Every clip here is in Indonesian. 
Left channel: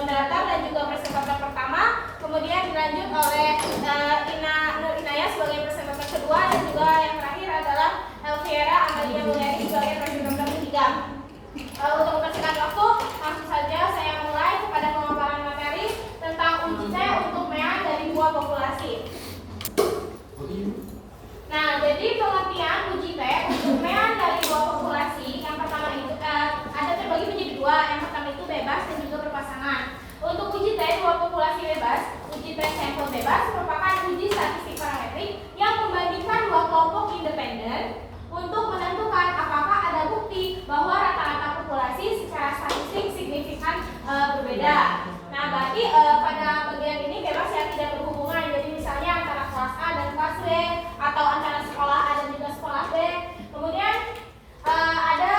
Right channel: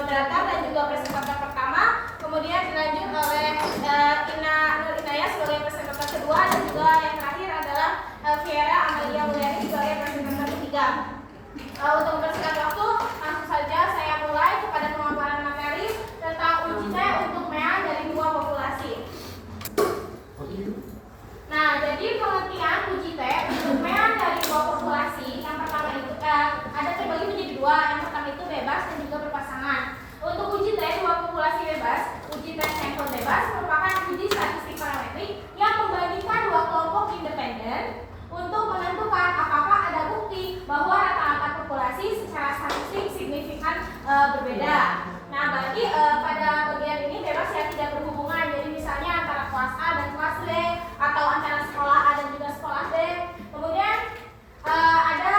moderator dan juga presentator pertama, kemudian dilanjut oleh Ina Nur Inayah sebagai presentator kedua, dan juga yang terakhir adalah Elvira Amalia Mulyani sebagai presentator ketiga. Untuk mempersingkat waktu, langsung saja saya mulai kepada pemaparan materi tentang uji T untuk mean dari dua populasi. Nah, jadi pengertian uji T untuk mean dari dua populasi, yang pertama itu ada terbagi menjadi dua. Yang pertama itu bebas dan juga berpasangan. Untuk uji T dua populasi bebas, uji T sampel bebas merupakan uji statistik parametrik yang membandingkan dua kelompok independen untuk menentukan apakah ada bukti bahwa rata-rata populasi secara statistik signifikan berbeda. Nah, berarti pada bagian ini bebas yang tidak berhubungan. Jadi misalnya antara kelas A dan kelas B, atau antara sekolah A dan juga sekolah B. Kemudian ada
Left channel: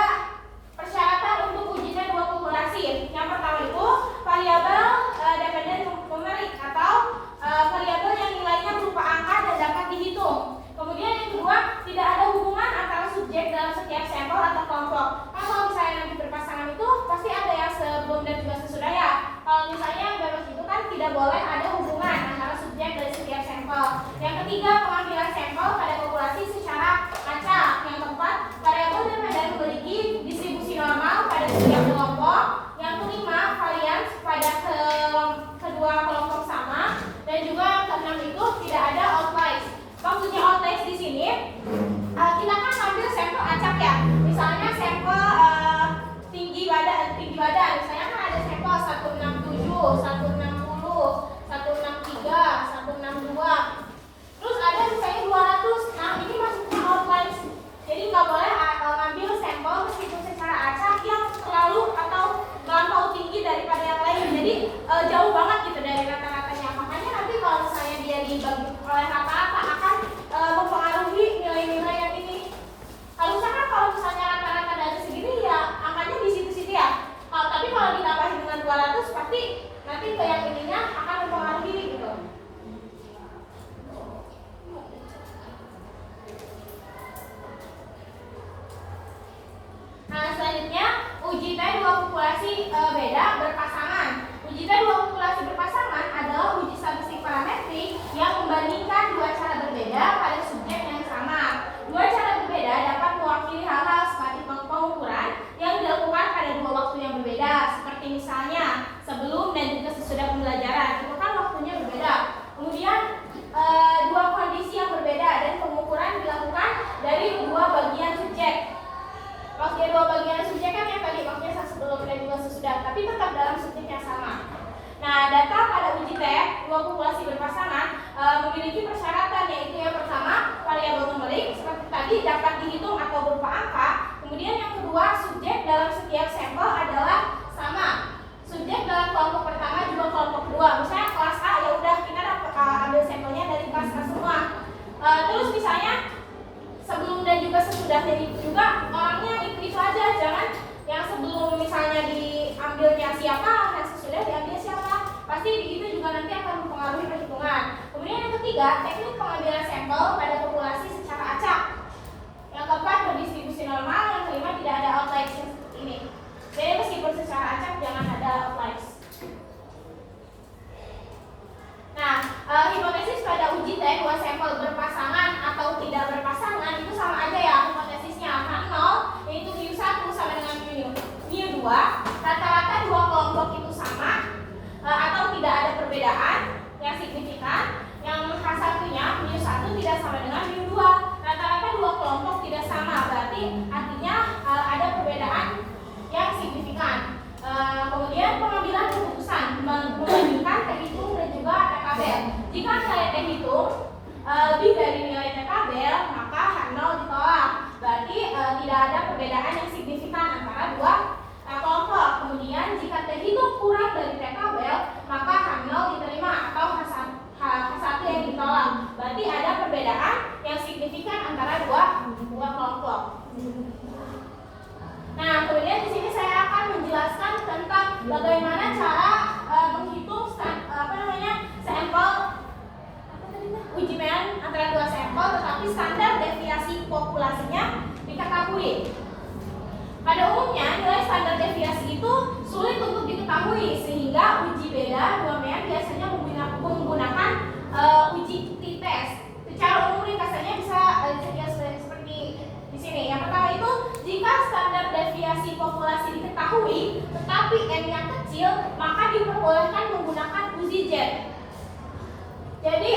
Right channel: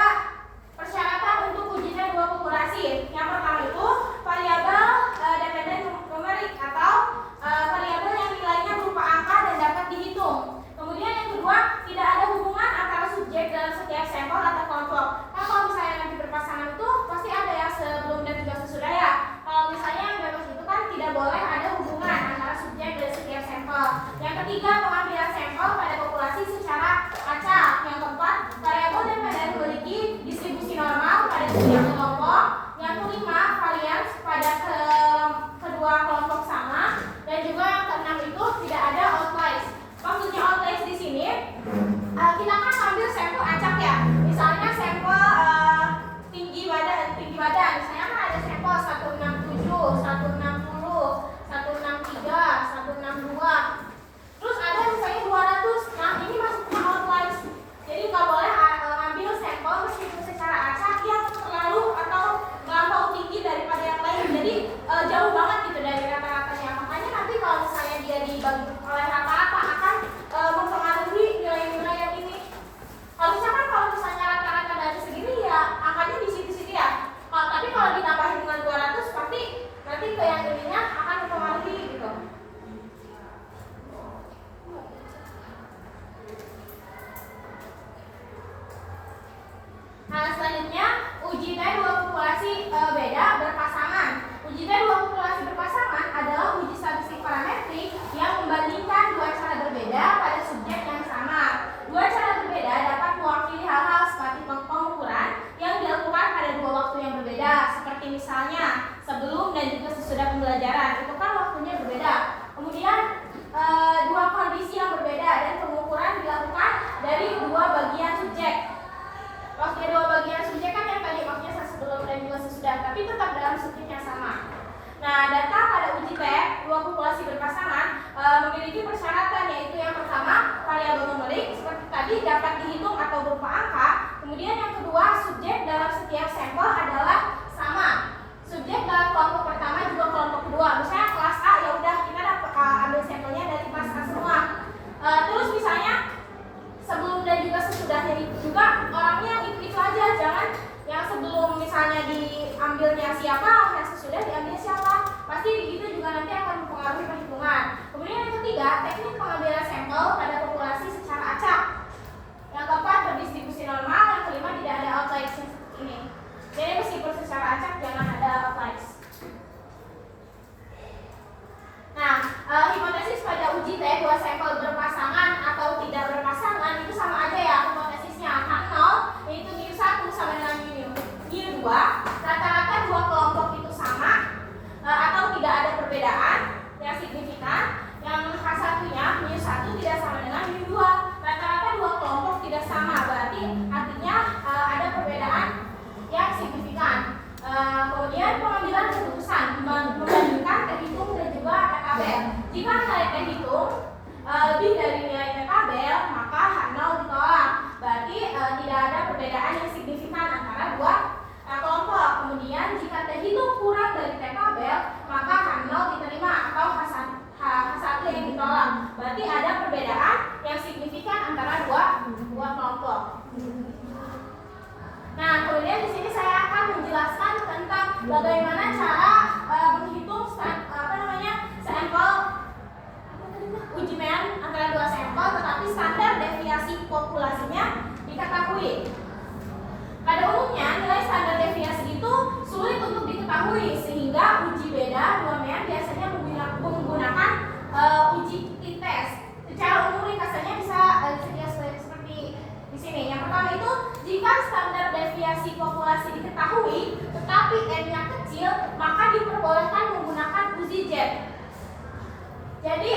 persyaratan untuk ujinya dua populasi. Yang pertama itu variabel dependen numerik atau variabel yang nilainya berupa angka dan dapat dihitung. Kemudian yang kedua, tidak ada hubungan antara subjek dalam setiap sampel atau kelompok. Nah, kalau misalnya nanti berpasangan itu pasti ada yang sebelum dan juga sesudah ya. Kalau misalnya yang bebas itu kan tidak boleh ada hubungan antara subjek dari setiap sampel. Yang ketiga, pengambilan sampel pada populasi secara acak. Yang keempat, variabel dependen memiliki distribusi normal pada setiap kelompok. Yang kelima, varians pada kedua kelompok sama. Dan juga yang keenam itu tidak ada outliers. Maksudnya outliers di sini, kita kan ambil sampel acak ya. Misalnya sampel tinggi badan, misalnya kan ada sampel 167, 160, 163, 162. Terus ada misalnya 200. Nah, ini masuknya outliers. Jadi nggak boleh ngambil sampel meskipun secara acak yang terlalu atau melampau tinggi daripada yang lain. Jadi jauh banget gitu dari rata-ratanya. Makanya nanti kalau misalnya dia dibagi oleh rata-rata akan mempengaruhi nilai-nilai yang ini. Harusnya kan kalau misalnya rata-rata dari segini ya angkanya di situ-situ ya. Tapi kalau ditambahin dengan 200 pasti nanti ke yang ininya akan mempengaruhi gitu. Nah, selanjutnya uji T dua populasi beda berpasangan. Uji T dua populasi berpasangan adalah uji statistik parametrik yang membandingkan dua cara berbeda pada subjek yang sama. Dua cara berbeda dapat mewakili hal-hal seperti pengukuran yang dilakukan pada dua waktu yang berbeda, seperti misalnya sebelum dan juga sesudah pembelajaran. Itu kan waktunya berbeda. Kemudian dua kondisi yang berbeda dan pengukuran dilakukan dari dua bagian subjek. Waktu dua bagian subjek kan yang tadi waktunya sebelum dan juga sesudah, tapi tetap dalam subjek yang sama. Nah, data pada uji T dua populasi berpasangan memiliki persyaratan, yaitu yang pertama variabel numerik seperti tadi dapat dihitung atau berupa angka. Kemudian yang kedua, subjek dalam setiap sampel adalah sama. Subjek dalam kelompok pertama juga kelompok kedua. Misalnya kelas A, ya udah kita ambil sampelnya dari kelas A semua. Terus misalnya sebelum dan juga sesudahnya itu juga orangnya itu aja, jangan yang sebelum misalnya diambilnya siapa, yang sesudah diambil siapa. Pasti itu juga nanti akan mempengaruhi perhitungan. Kemudian yang ketiga, teknik pengambilan sampel pada populasi secara acak. Yang keempat, berdistribusi normal. Yang kelima, tidak ada outliers seperti ini. Jadi meskipun secara acak jangan ada outliers. Nah, hipotesis pada uji T dua sampel berpasangan atau tidak berpasangan itu sama aja ya hipotesisnya. H0 yaitu mu1 sama dengan mu2. Rata-rata dua kelompok itu sama atau tidak ada perbedaan yang signifikan. Yang H1-nya mu1 tidak sama dengan mu2. Rata-rata dua kelompok tidak sama, berarti artinya ada perbedaan yang signifikan. Kemudian pengambilan keputusan membandingkan terhitung dan juga tabel. Jika nilai terhitung lebih dari nilai tabel, maka H0 ditolak. Berarti tidak ada perbedaan yang signifikan antara dua kelompok. Kemudian jika terhitung kurang dari tabel, maka H0 diterima atau H1 yang ditolak. Berarti ada perbedaan yang signifikan antara dua kelompok. Nah, kemudian di sini saya akan menjelaskan tentang bagaimana cara menghitung sampel uji mean antara dua sampel, tetapi standar deviasi populasinya diketahui. Pada umumnya nilai standar deviasi itu sulit untuk diketahui, sehingga Sehingga uji beda dua mean biasanya menggunakan uji t-test. Secara umum ringkasannya bisa seperti di sini. Yang pertama itu, jika standar deviasi populasi diketahui tetapi n-nya kecil, maka diperbolehkan menggunakan uji Z. Jadi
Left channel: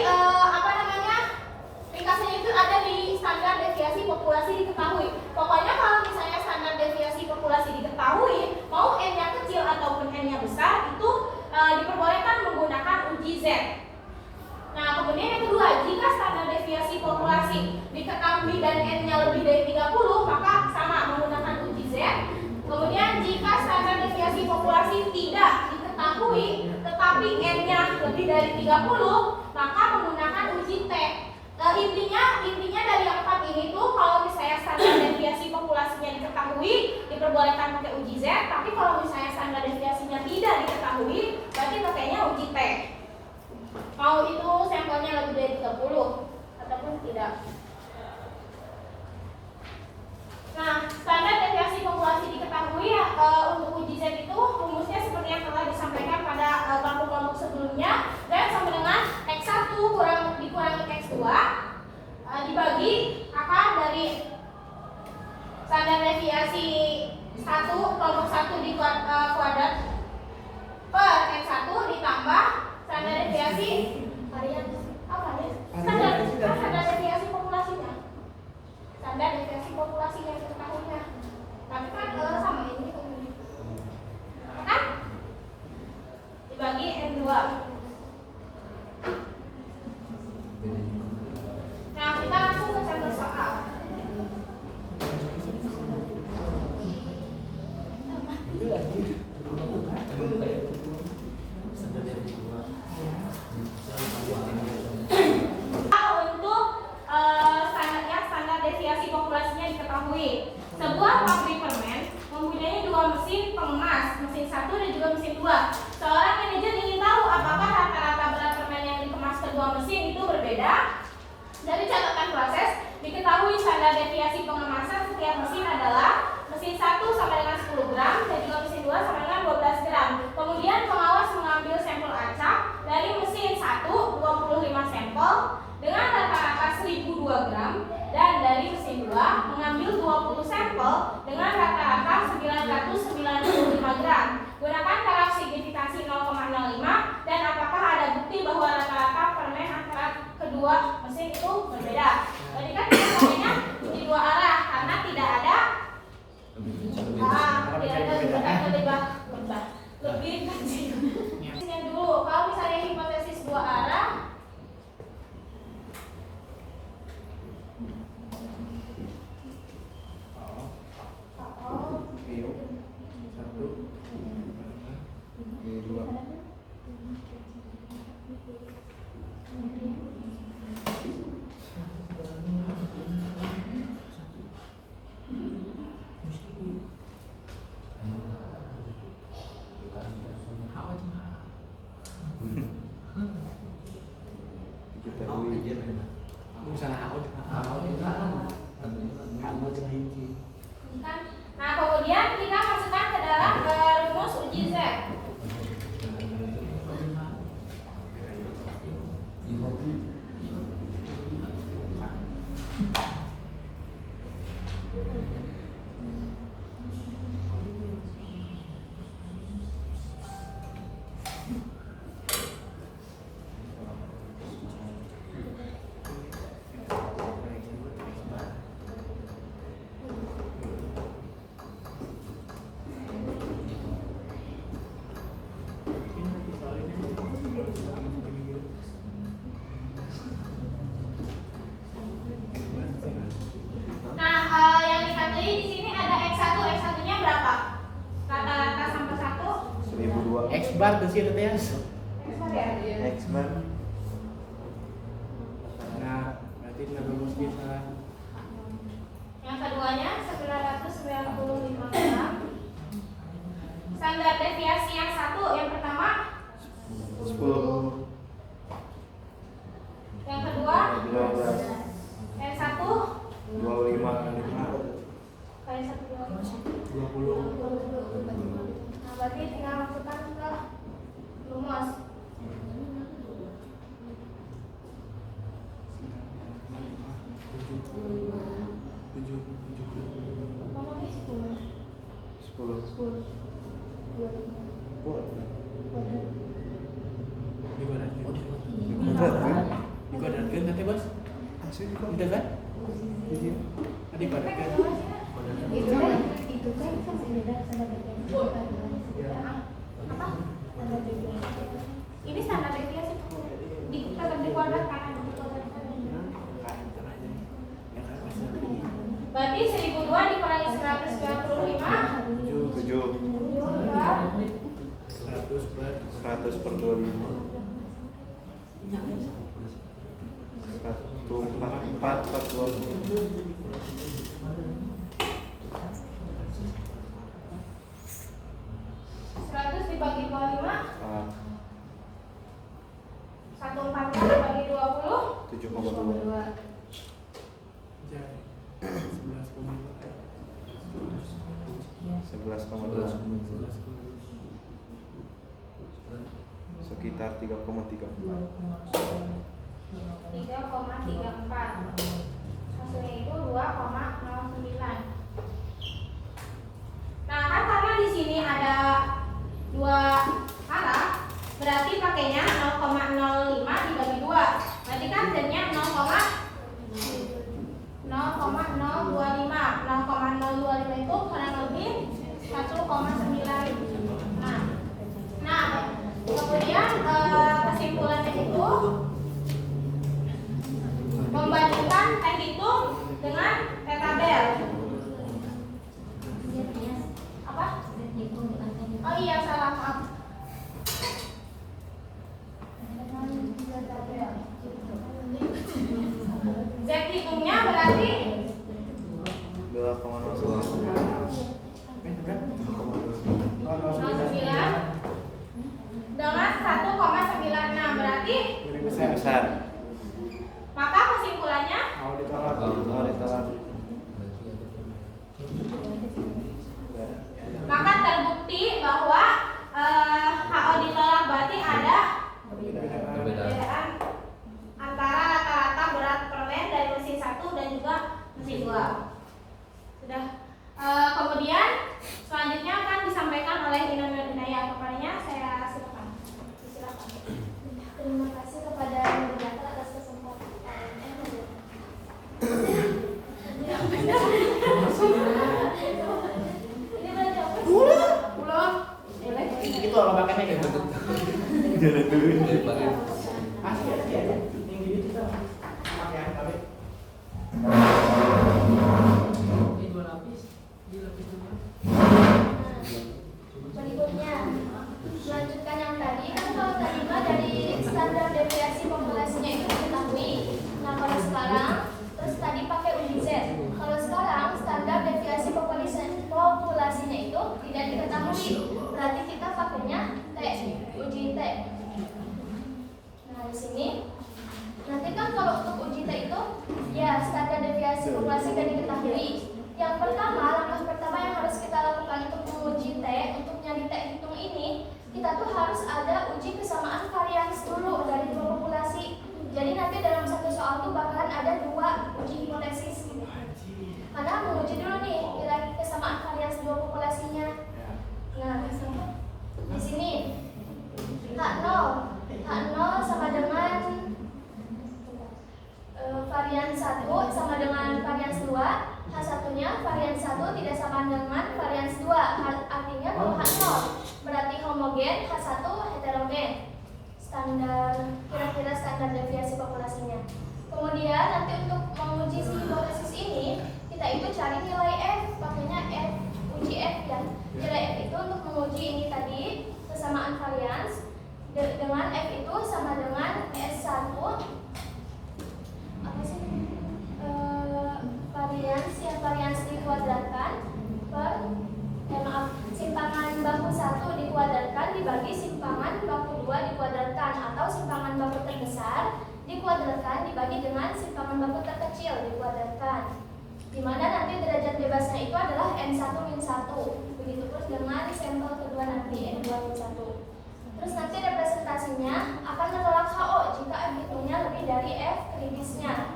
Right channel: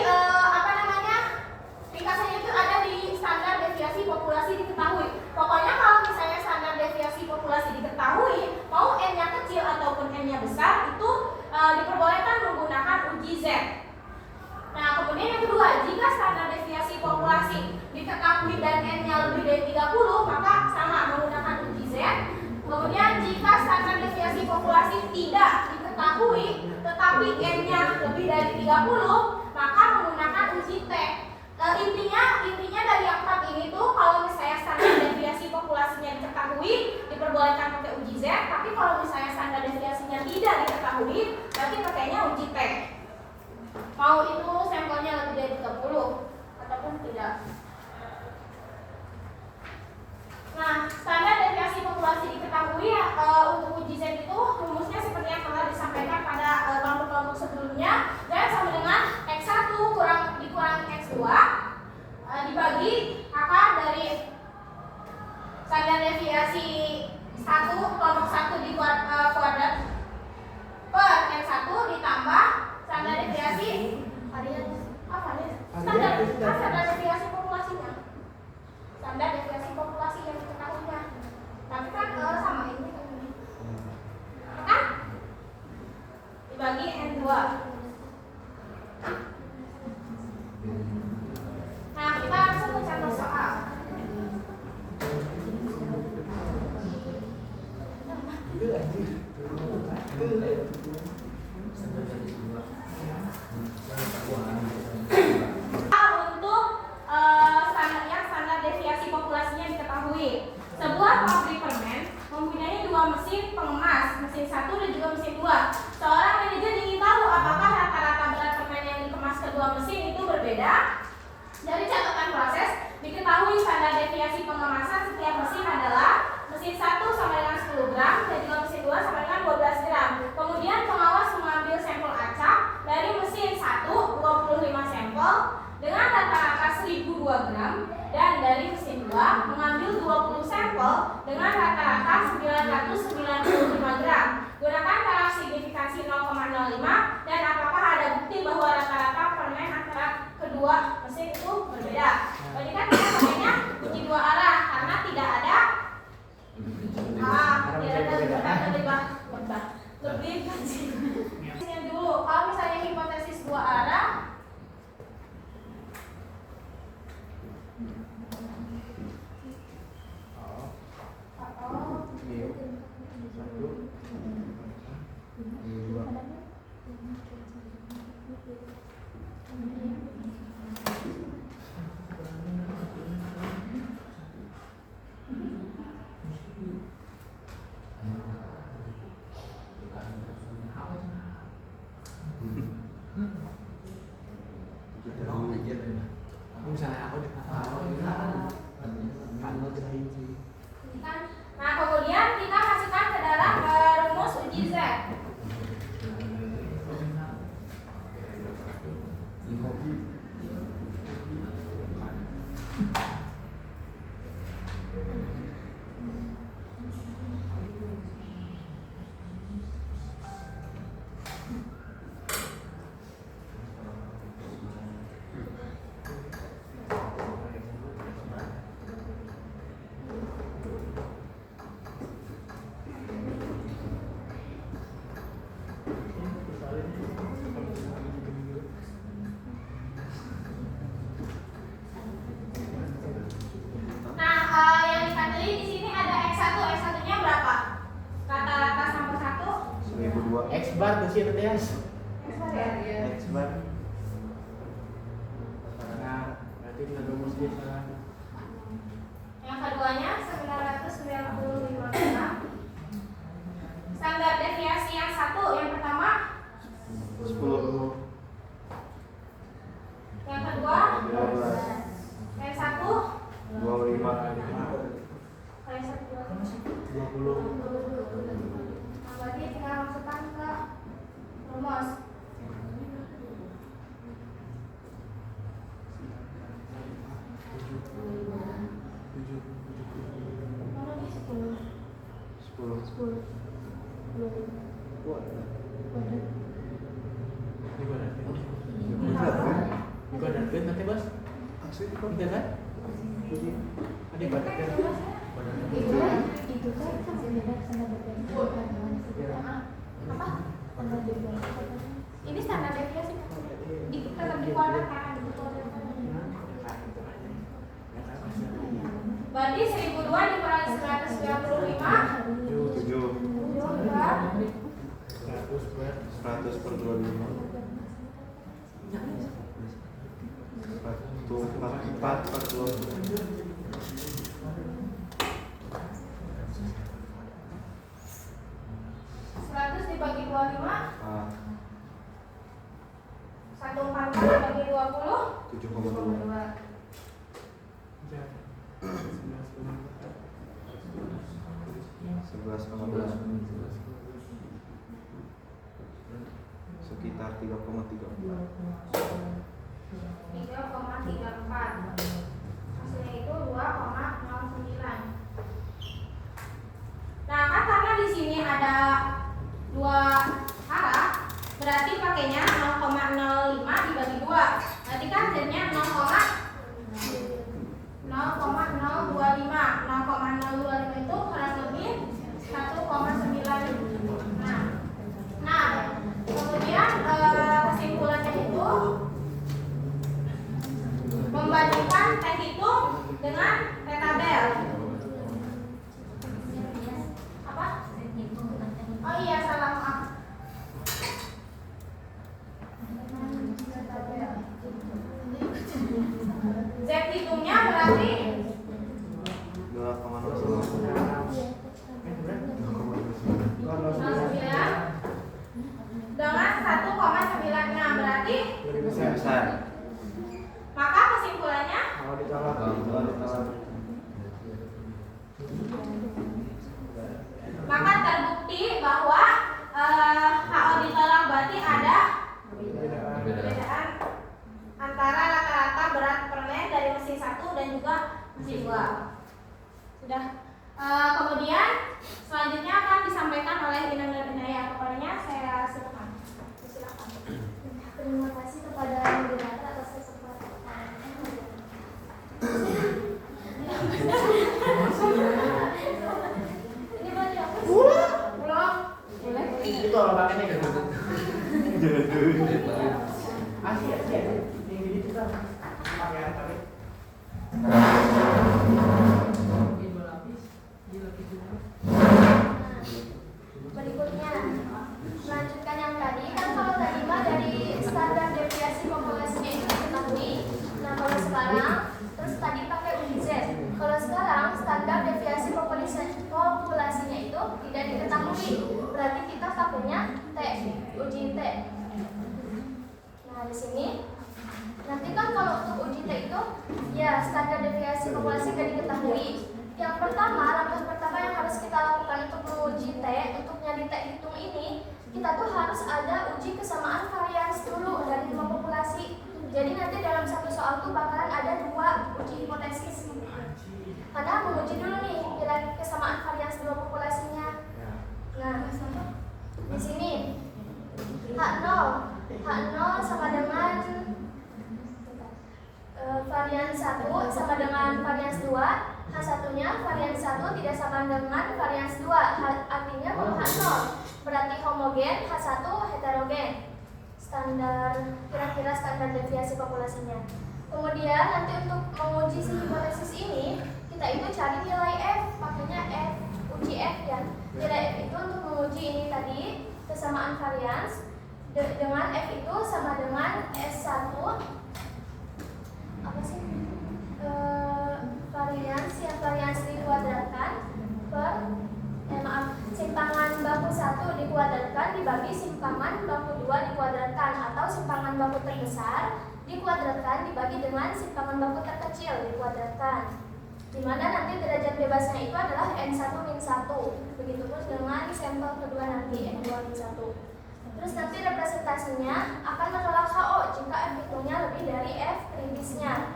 ringkasannya itu ada di standar deviasi populasi diketahui. Pokoknya kalau misalnya standar deviasi populasi diketahui, mau n-nya kecil ataupun n-nya besar, itu diperbolehkan menggunakan uji Z. Nah, kemudian yang kedua, jika standar deviasi populasi diketahui dan n-nya lebih dari 30, maka sama menggunakan uji Z. Kemudian jika standar deviasi populasi tidak diketahui tetapi n-nya lebih dari 30, maka menggunakan uji T. Intinya dari yang 4 ini tuh, kalau misalnya standar deviasi populasinya diketahui, diperbolehkan pakai uji Z. Tapi kalau misalnya standar deviasinya tidak diketahui, berarti pakainya uji T. Mau itu sampelnya lebih dari 30 ataupun tidak. Nah, standar deviasi populasi diketahui untuk uji Z itu rumusnya seperti yang telah disampaikan pada kelompok-kelompok sebelumnya. Dan sama dengan X1 dikurangi X2 dibagi akar dari standar deviasi 1 kelompok 1 di kuadrat per N1 ditambah standar deviasi standar deviasi populasinya. Standar deviasi populasi yang diketahuinya. Tapi kan sama ini kan dibagi N2. Nah, kita langsung ke contoh soal. Standar deviasi populasinya diketahui. Sebuah pabrik permen mempunyai 2 mesin pengemas, mesin 1 dan juga mesin 2. Seorang manajer ingin tahu apakah rata-rata berat permen yang dikemas kedua mesin itu berbeda. Dari catatan proses, diketahui standar deviasi pengemasan setiap mesin adalah mesin 1 sama dengan 10 gram dan juga mesin 2 sama dengan 12 gram. Kemudian pengawas mengambil sampel acak dari mesin 1 25 sampel dengan rata-rata 1002 gram dan dari mesin 2 mengambil 20 sampel dengan rata-rata 995 gram. Gunakan taraf signifikansi 0,05 dan apakah ada bukti bahwa rata-rata permen antara kedua mesin itu berbeda. Jadi kan kita pakainya uji 2 arah karena tidak ada lebih kecil. Yang dulu, kalau misalnya hipotesis 2 arah, nah kemudian kita masukkan ke dalam rumus uji Z. X-bar di situ teh. X bar. Nah, berarti kita rumusnya sekarang. Yang keduanya 995 gram. Standar deviasi yang satu, yang pertama 10. Yang kedua 15. yang satu 25. kayak satu 20. Nah, berarti tinggal masukkan ke Dipadatkan nanti bos? Tidak kan? Dipadatkan. Apa? Ini standar deviasi tetap dikuadratkan. Berarti 1002 dikurangi 195 7 berapa? 100 per 25 4 per 20 100 dibagi 25 ah, 144 dibagi 20 7,2 11,2 sekitar 3,34 3,34 hasilnya itu 2,09. Nah kan karena di sini ada dua arah, berarti pakainya 0,05 dibagi 2, berarti kan Z-nya 0,025. 0,025 itu kurang lebih 1,9. Nah kemudian kesimpulannya itu membandingkan teks itu dengan tabel. Apa? Oh iya salah, maaf. Z hitungnya berarti 0,9 dengan 1,96 berarti besar. maka kesimpulannya maka terbukti bahwa HO ditolak berarti ada perbedaan antara rata-rata berat permen dari mesin 1 dan juga mesin 2. Sudah. Kemudian selanjutnya akan disampaikan oleh Ina Inaya. Kepadanya saya silakan. Terima kasih kepada moderator atas kesempatan. Ini banyak Pulang. Itu apa pakainya kan? Jangan dulu. Berikutnya, melanjutkan yang tadi kan kalau tadi mah dari standar deviasi populasinya itu diketahui. Nah kalau sekarang terus tadi pakai uji Z. Kalau sekarang standar deviasi populasinya itu tidak diketahui. Berarti kita pakainya T, uji T. Nah di sini nanti kan kalau untuk uji T itu ya standar deviasi populasi tidak diketahui. Yang pertama, langkah pertama yang harus kita lakukan untuk menguji T, untuk nyari T hitung ini, kita tuh harus ada uji kesamaan varians dulu dari dua populasi. Jadi nanti dalam satu soal tuh bakalan ada dua uji hipotesis. Karena menguji dulu nih kira kesamaan varians dua populasinya. Nah, di sini H0 sama dengan varians 1 sama dengan varians 2. H1-nya varians 1 tidak sama dengan varians 2. Artinya kalau H0 berarti homogen, H1 heterogen. Kira-kira standar deviasi populasinya. Kemudian nanti untuk menguji si hipotesis ini, kita itu cari nilai F, makanya F, uji F ya. Nilai F itu untuk menguji ini tadi kesamaan varians dengan F itu sama dengan S1 apa sih? Varians dikuadratkan per simpangan baku 1 dikuadratkan dibagi simpangan baku 2 dikuadratkan, atau simpangan baku terbesar dikuadratkan dibagi dengan simpangan baku terkecil dikuadratkan, dimana nanti derajat bebasnya itu adalah N1-1. Begitu terus dengan sampel kedua nanti N2-1. Terus nanti representasinya akan menolak HO jika F hitungnya lebih dari F kritisnya.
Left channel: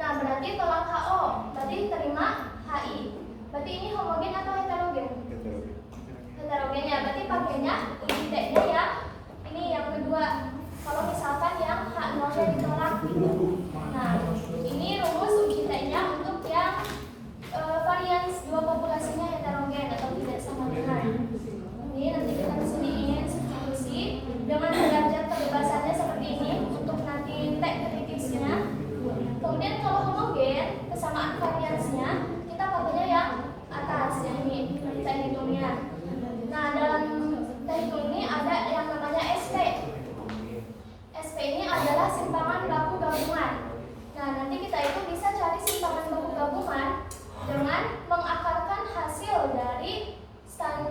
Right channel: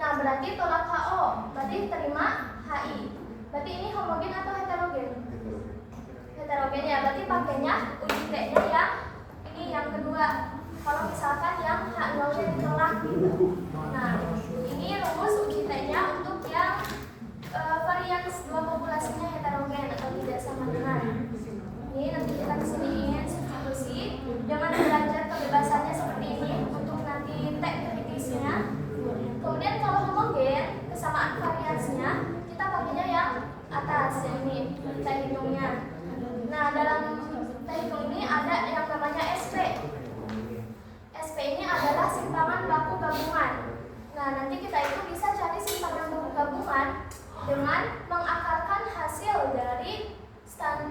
Nah berarti tolak HO, berarti terima HI. Berarti ini homogen atau heterogen? heterogennya. Berarti pakainya uji T-nya yang ini yang kedua. Kalau misalkan yang H0-nya ditolak gitu. Nah, ini rumus uji T-nya untuk yang varians dua populasinya heterogen atau tidak sama dengan. Ini nanti kita kesini ingin substitusi dengan derajat kebebasannya seperti ini untuk nanti tag prediksinya. Kemudian kalau homogen, kesamaan variansnya kita pakainya yang atas, yang ini kita hitungnya. Nah, dalam kita hitung ini ada yang namanya SP. SP ini adalah simpangan baku gabungan. Nah, nanti kita itu bisa cari simpangan baku gabungan dengan mengakarkan hasil dari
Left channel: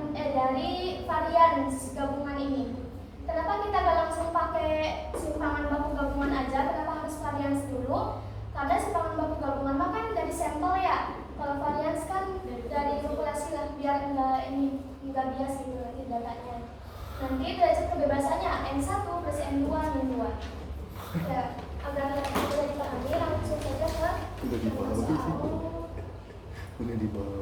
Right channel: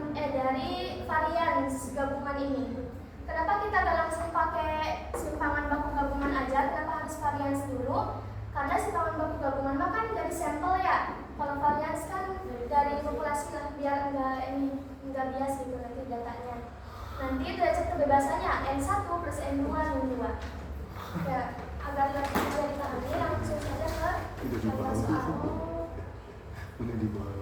dari varians gabungan ini. Kenapa kita gak langsung pakai simpangan baku gabungan aja? Kenapa harus varians dulu? Karena simpangan baku gabungan mah kan dari sampel ya. Kalau varians kan dari populasi lah, biar enggak bias gitu nanti datanya. Nanti derajat kebebasannya N1 plus N2 N2. Ya, agar lebih mudah dipahami langsung saja ke contoh soal. Ini di bawah.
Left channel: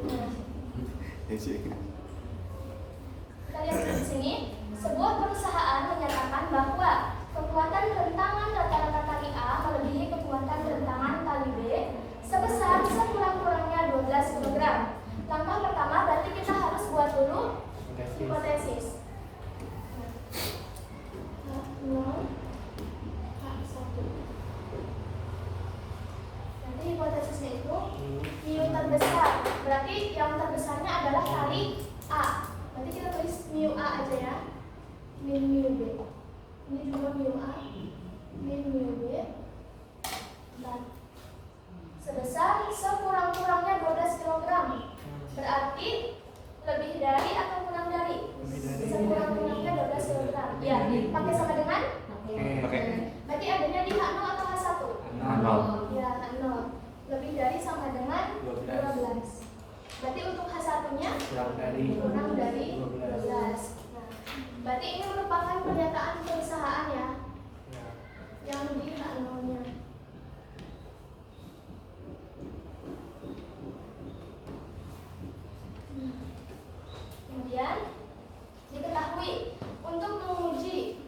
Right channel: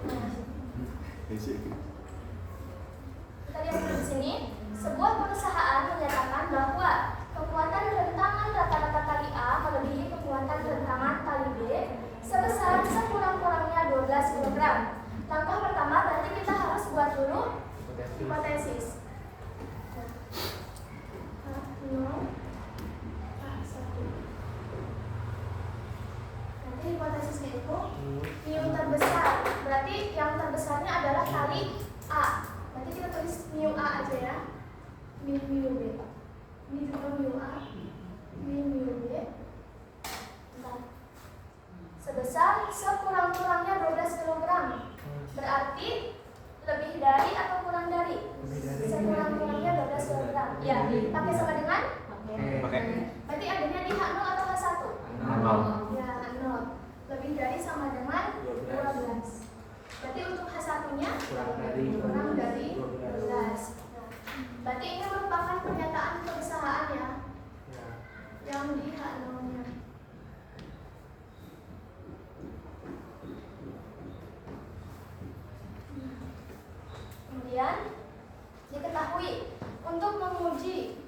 Kita lihat di sini, sebuah perusahaan menyatakan bahwa kekuatan rentangan rata-rata tali A melebihi kekuatan rentangan tali B sebesar sekurang-kurangnya 12 kg. Langkah pertama berarti kita harus buat dulu hipotesis. Nanti hipotesisnya itu mu terbesar. Berarti yang terbesarnya adalah tali A. Nanti kita tulis mu A aja ya. Min mu B. Ini juga mu A. Min mu B. Bentar. Sebesar sekurang-kurangnya 12 kg. Berarti lebih dari atau kurang dari? Sekurang-kurangnya 12 kg. Ya, pakai sama dengan? Pakai. Berarti adanya di H0 atau H1? H0. Ya, H0. Lebih dari sama dengan 12. Berarti untuk H1-nya kurang dari 12. Nah, berarti ini merupakan pernyataan perusahaan ya. Yang di H0-nya. Kemudian diketahui untuk menguji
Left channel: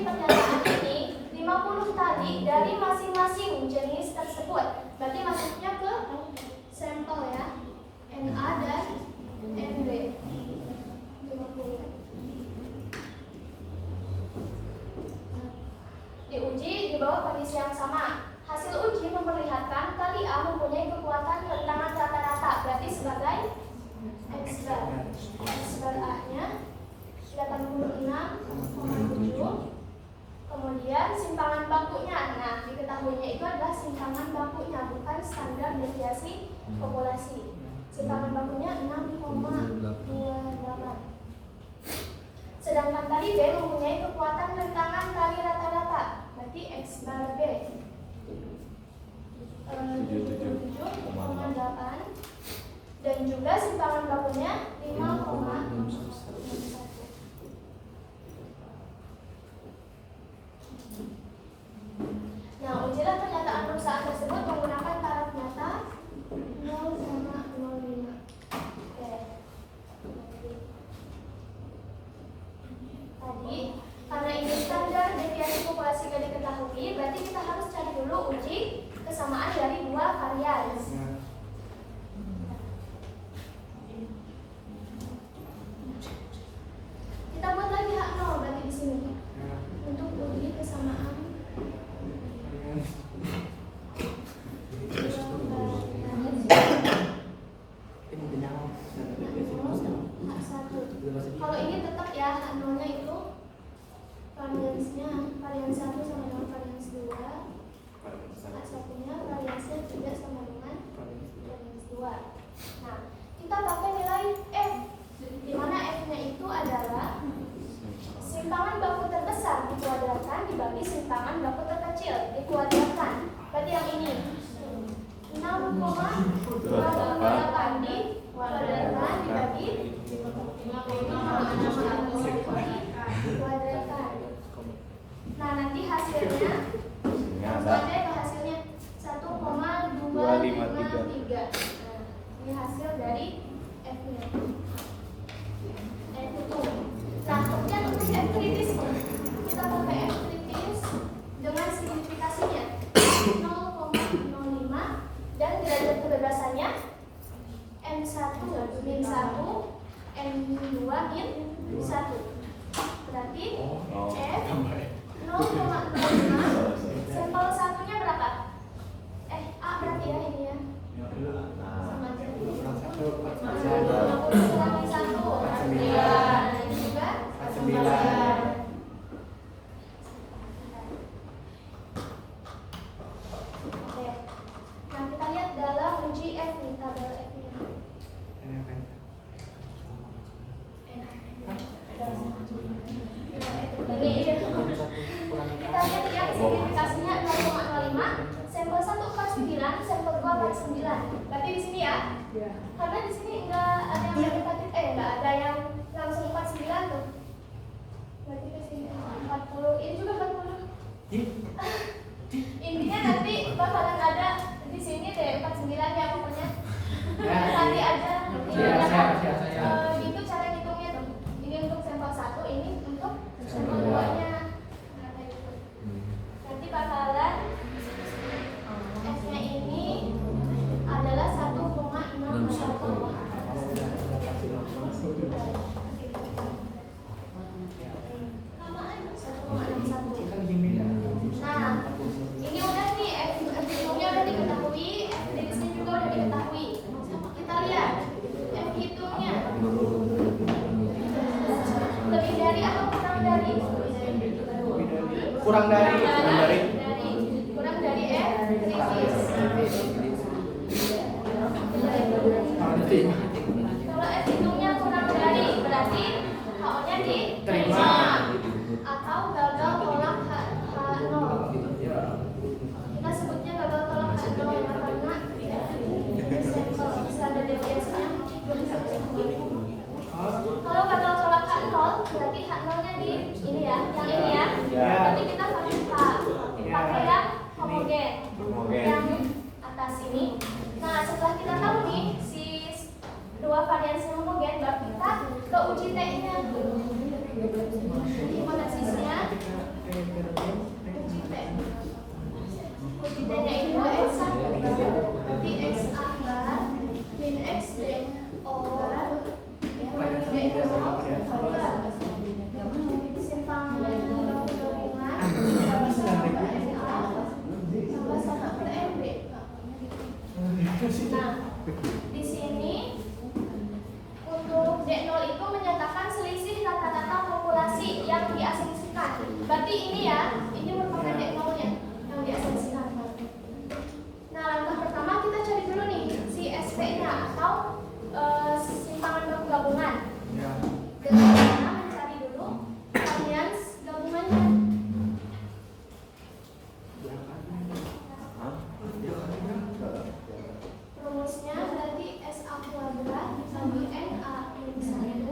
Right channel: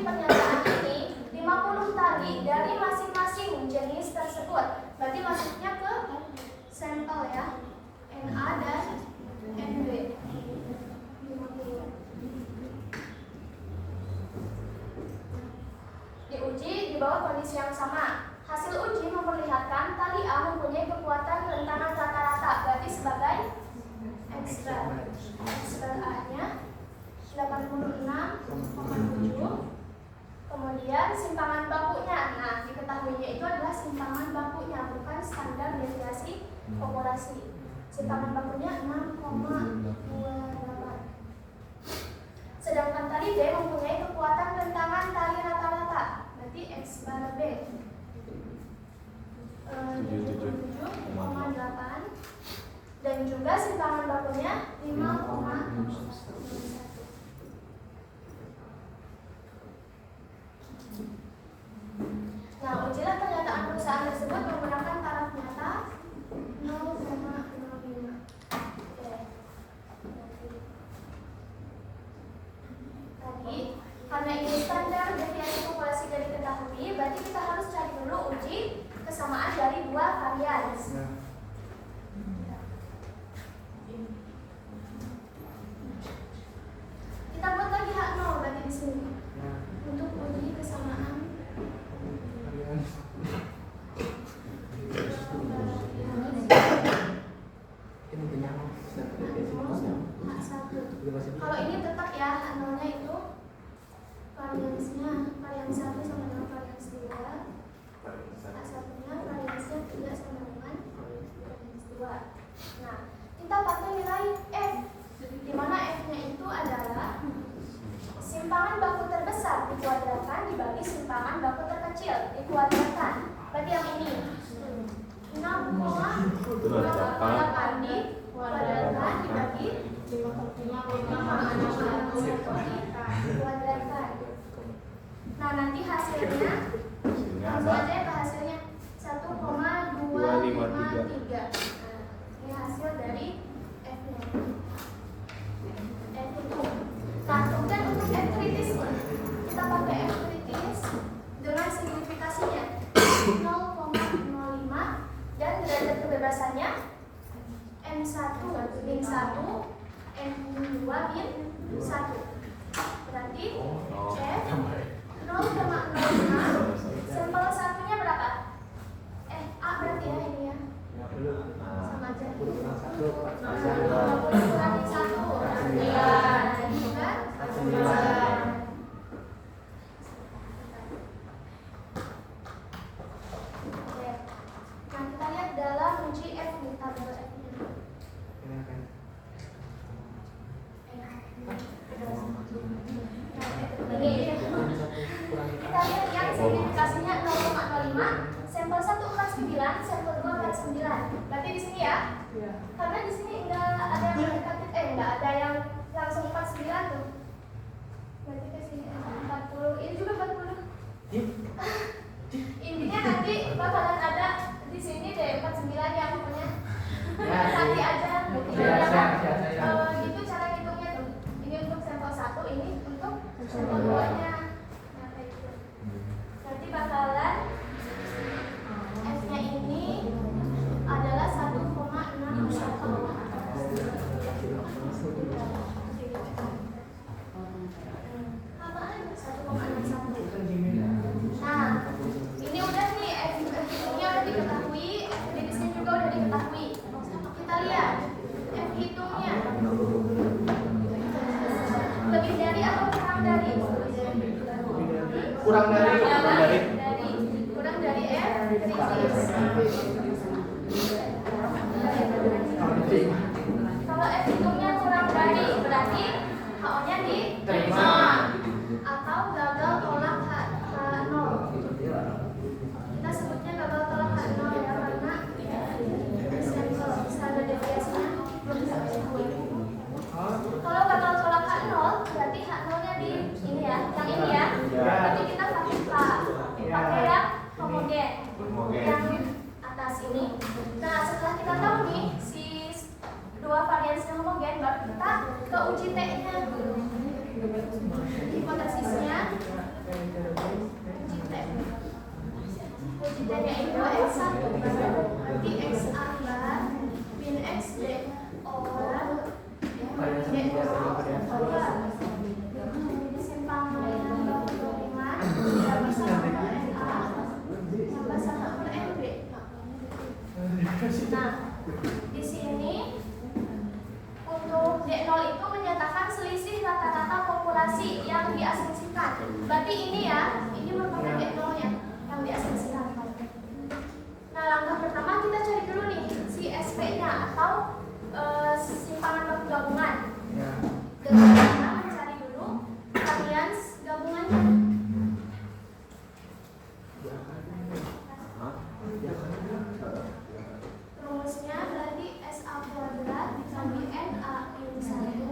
pernyataan ini 50 tali dari masing-masing jenis tersebut. Berarti masuknya ke sampel ya, NA dan NB. 50. Diuji di bawah kondisi yang sama. Hasil uji memperlihatkan tali A mempunyai kekuatan rentangan rata-rata, berarti sebagai X bar A-nya 86,7. Kemudian simpangan bakunya. Nah, diketahuinya itu adalah simpangan bakunya, bukan standar deviasi populasi. Simpangan bakunya 6,28. Sedangkan tali B mempunyai kekuatan rentangan tali rata-rata, berarti X bar B 77,8 dan juga simpangan bakunya 5,61. Nah, ujilah pernyataan perusahaan tersebut menggunakan taraf nyata 0,05. Oke. Tadi, karena ini standar deviasi populasi tidak diketahui, berarti kita harus cari dulu uji kesamaan dari dua varians. Kita buat lagi H0 berarti di sini untuk uji kesamaan. Kalau ini tetap ya H0-nya itu variansnya varians 1 sama dengan varians 2. H1-nya variansnya 3 sama dengan varians 2. Nah, kita pakai nilai F, di mana F-nya itu adalah simpangan baku terbesar dikuadratkan dibagi simpangan baku terkecil dikuadratkan. Berarti yang ini 6,28 dikuadratkan dibagi dikuadratkan. Nah, nanti hasilnya ada hasilnya 1,253. Nah, ini hasil dari N2 min 1. Berarti F 0,05 sampel satunya berapa? A berarti ya ini ya. Sama aja. 20 kurangi 1 9. Ini juga 9. Oke. Nah, kita lihat dalam uji F nih, tabel F nya. Kita lihat yang signifikasinya 0,05, sampel 1 49, sampel 2 49. Berarti di sini ya. Karena di sini enggak ada yang mendekati enggak ada yang langsung 49 tuh. Berarti di sini 40, ini juga 40. Intinya nanti bakalan ada di sini deh 49 ya pokoknya. Nanti aja gitu cara hitungnya tuh. Ini untuk sampel 1, ini untuk sampel 2-nya. Nanti bakalan F-nya ini adalah 1,61. Nah, ini udah nih F-nya udah diketahui, F-nya juga udah diketahui. Kita lihat F hitungnya lebih dari atau kurang dari? Kurang dari Kurang dari F krisis. Kalau F hitungnya kurang dari, berarti HO-nya diterima atau gagal tolak H0. Kita sebutnya gagal tolak H0 ya, karena standar deviasinya belum bisa dicapai. Kalau gagal tolak H0, berarti H0-nya di ini ya, yang ini ya. Berarti kita pakai yang homogen, yang atas ini. Nah, setelah kita tahu nih si dua variansi homogen, baru kita ke uji T-nya. Hipotesisnya uji T. Uji T-nya itu X1, berarti XA bar min XD over simpangan 0,5 sama sama NA sama NB. Nah, di sini untuk D0 itu menyatakan selisih rata-rata populasi yang diasumsikan. Berarti ini ya, ini merupakan D0-nya yang diasumsikan. Nah, langkah pertama kita cari dulu nih si SP-nya atau simpangan baku gabungan. Dengan cara mencari dulu varians gabungannya. Rumusnya berarti SA kuadrat dikali NA min 1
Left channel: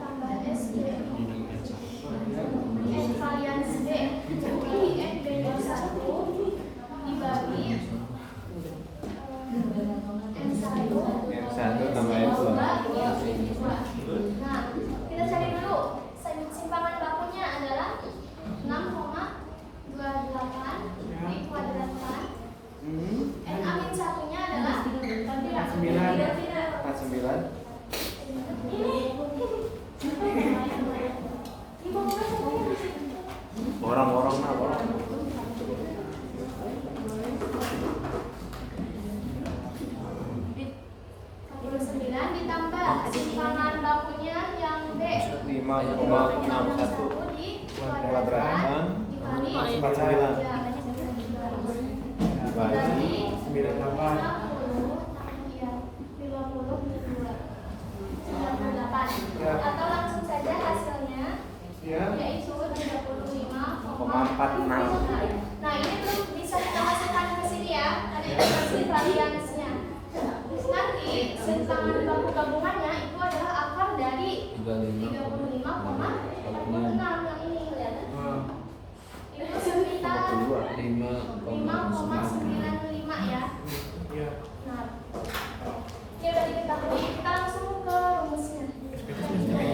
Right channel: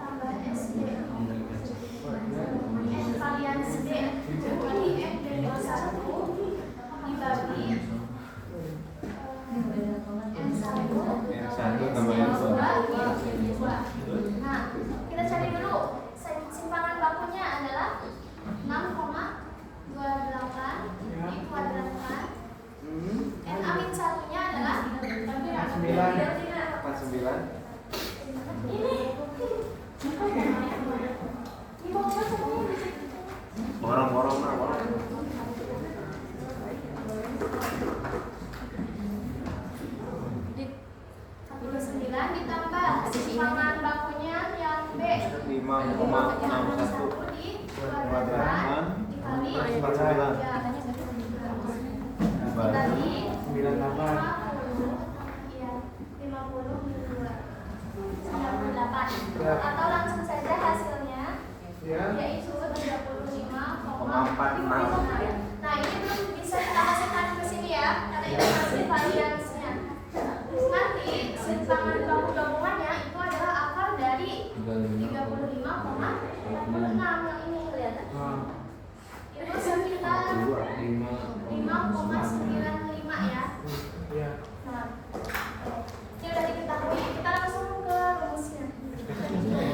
tambah SB N varians D dikali N D01 dibagi N1 tambah N2. Nah, kita cari dulu simpangan bakunya adalah 6,28 dikuadratkan. NA min 1-nya adalah 49. Orang-orang mah orang. 49 ditambah simpangan bakunya yang B 5,61 dikuadratkan dikali 49. dibagi 50 98. ya 50 min 2 98 atau langsung saja hasilnya yaitu 35,46. Nah, ini belum bisa kita masukkan ke sini ya karena ini masih variansnya. Nanti simpangan baku gabungannya itu adalah akar dari 35,46 yang ini kelihatan. Itu sekitar 5,95 ya. Nah, ini udah diketahui. Kita langsung ke rumusnya.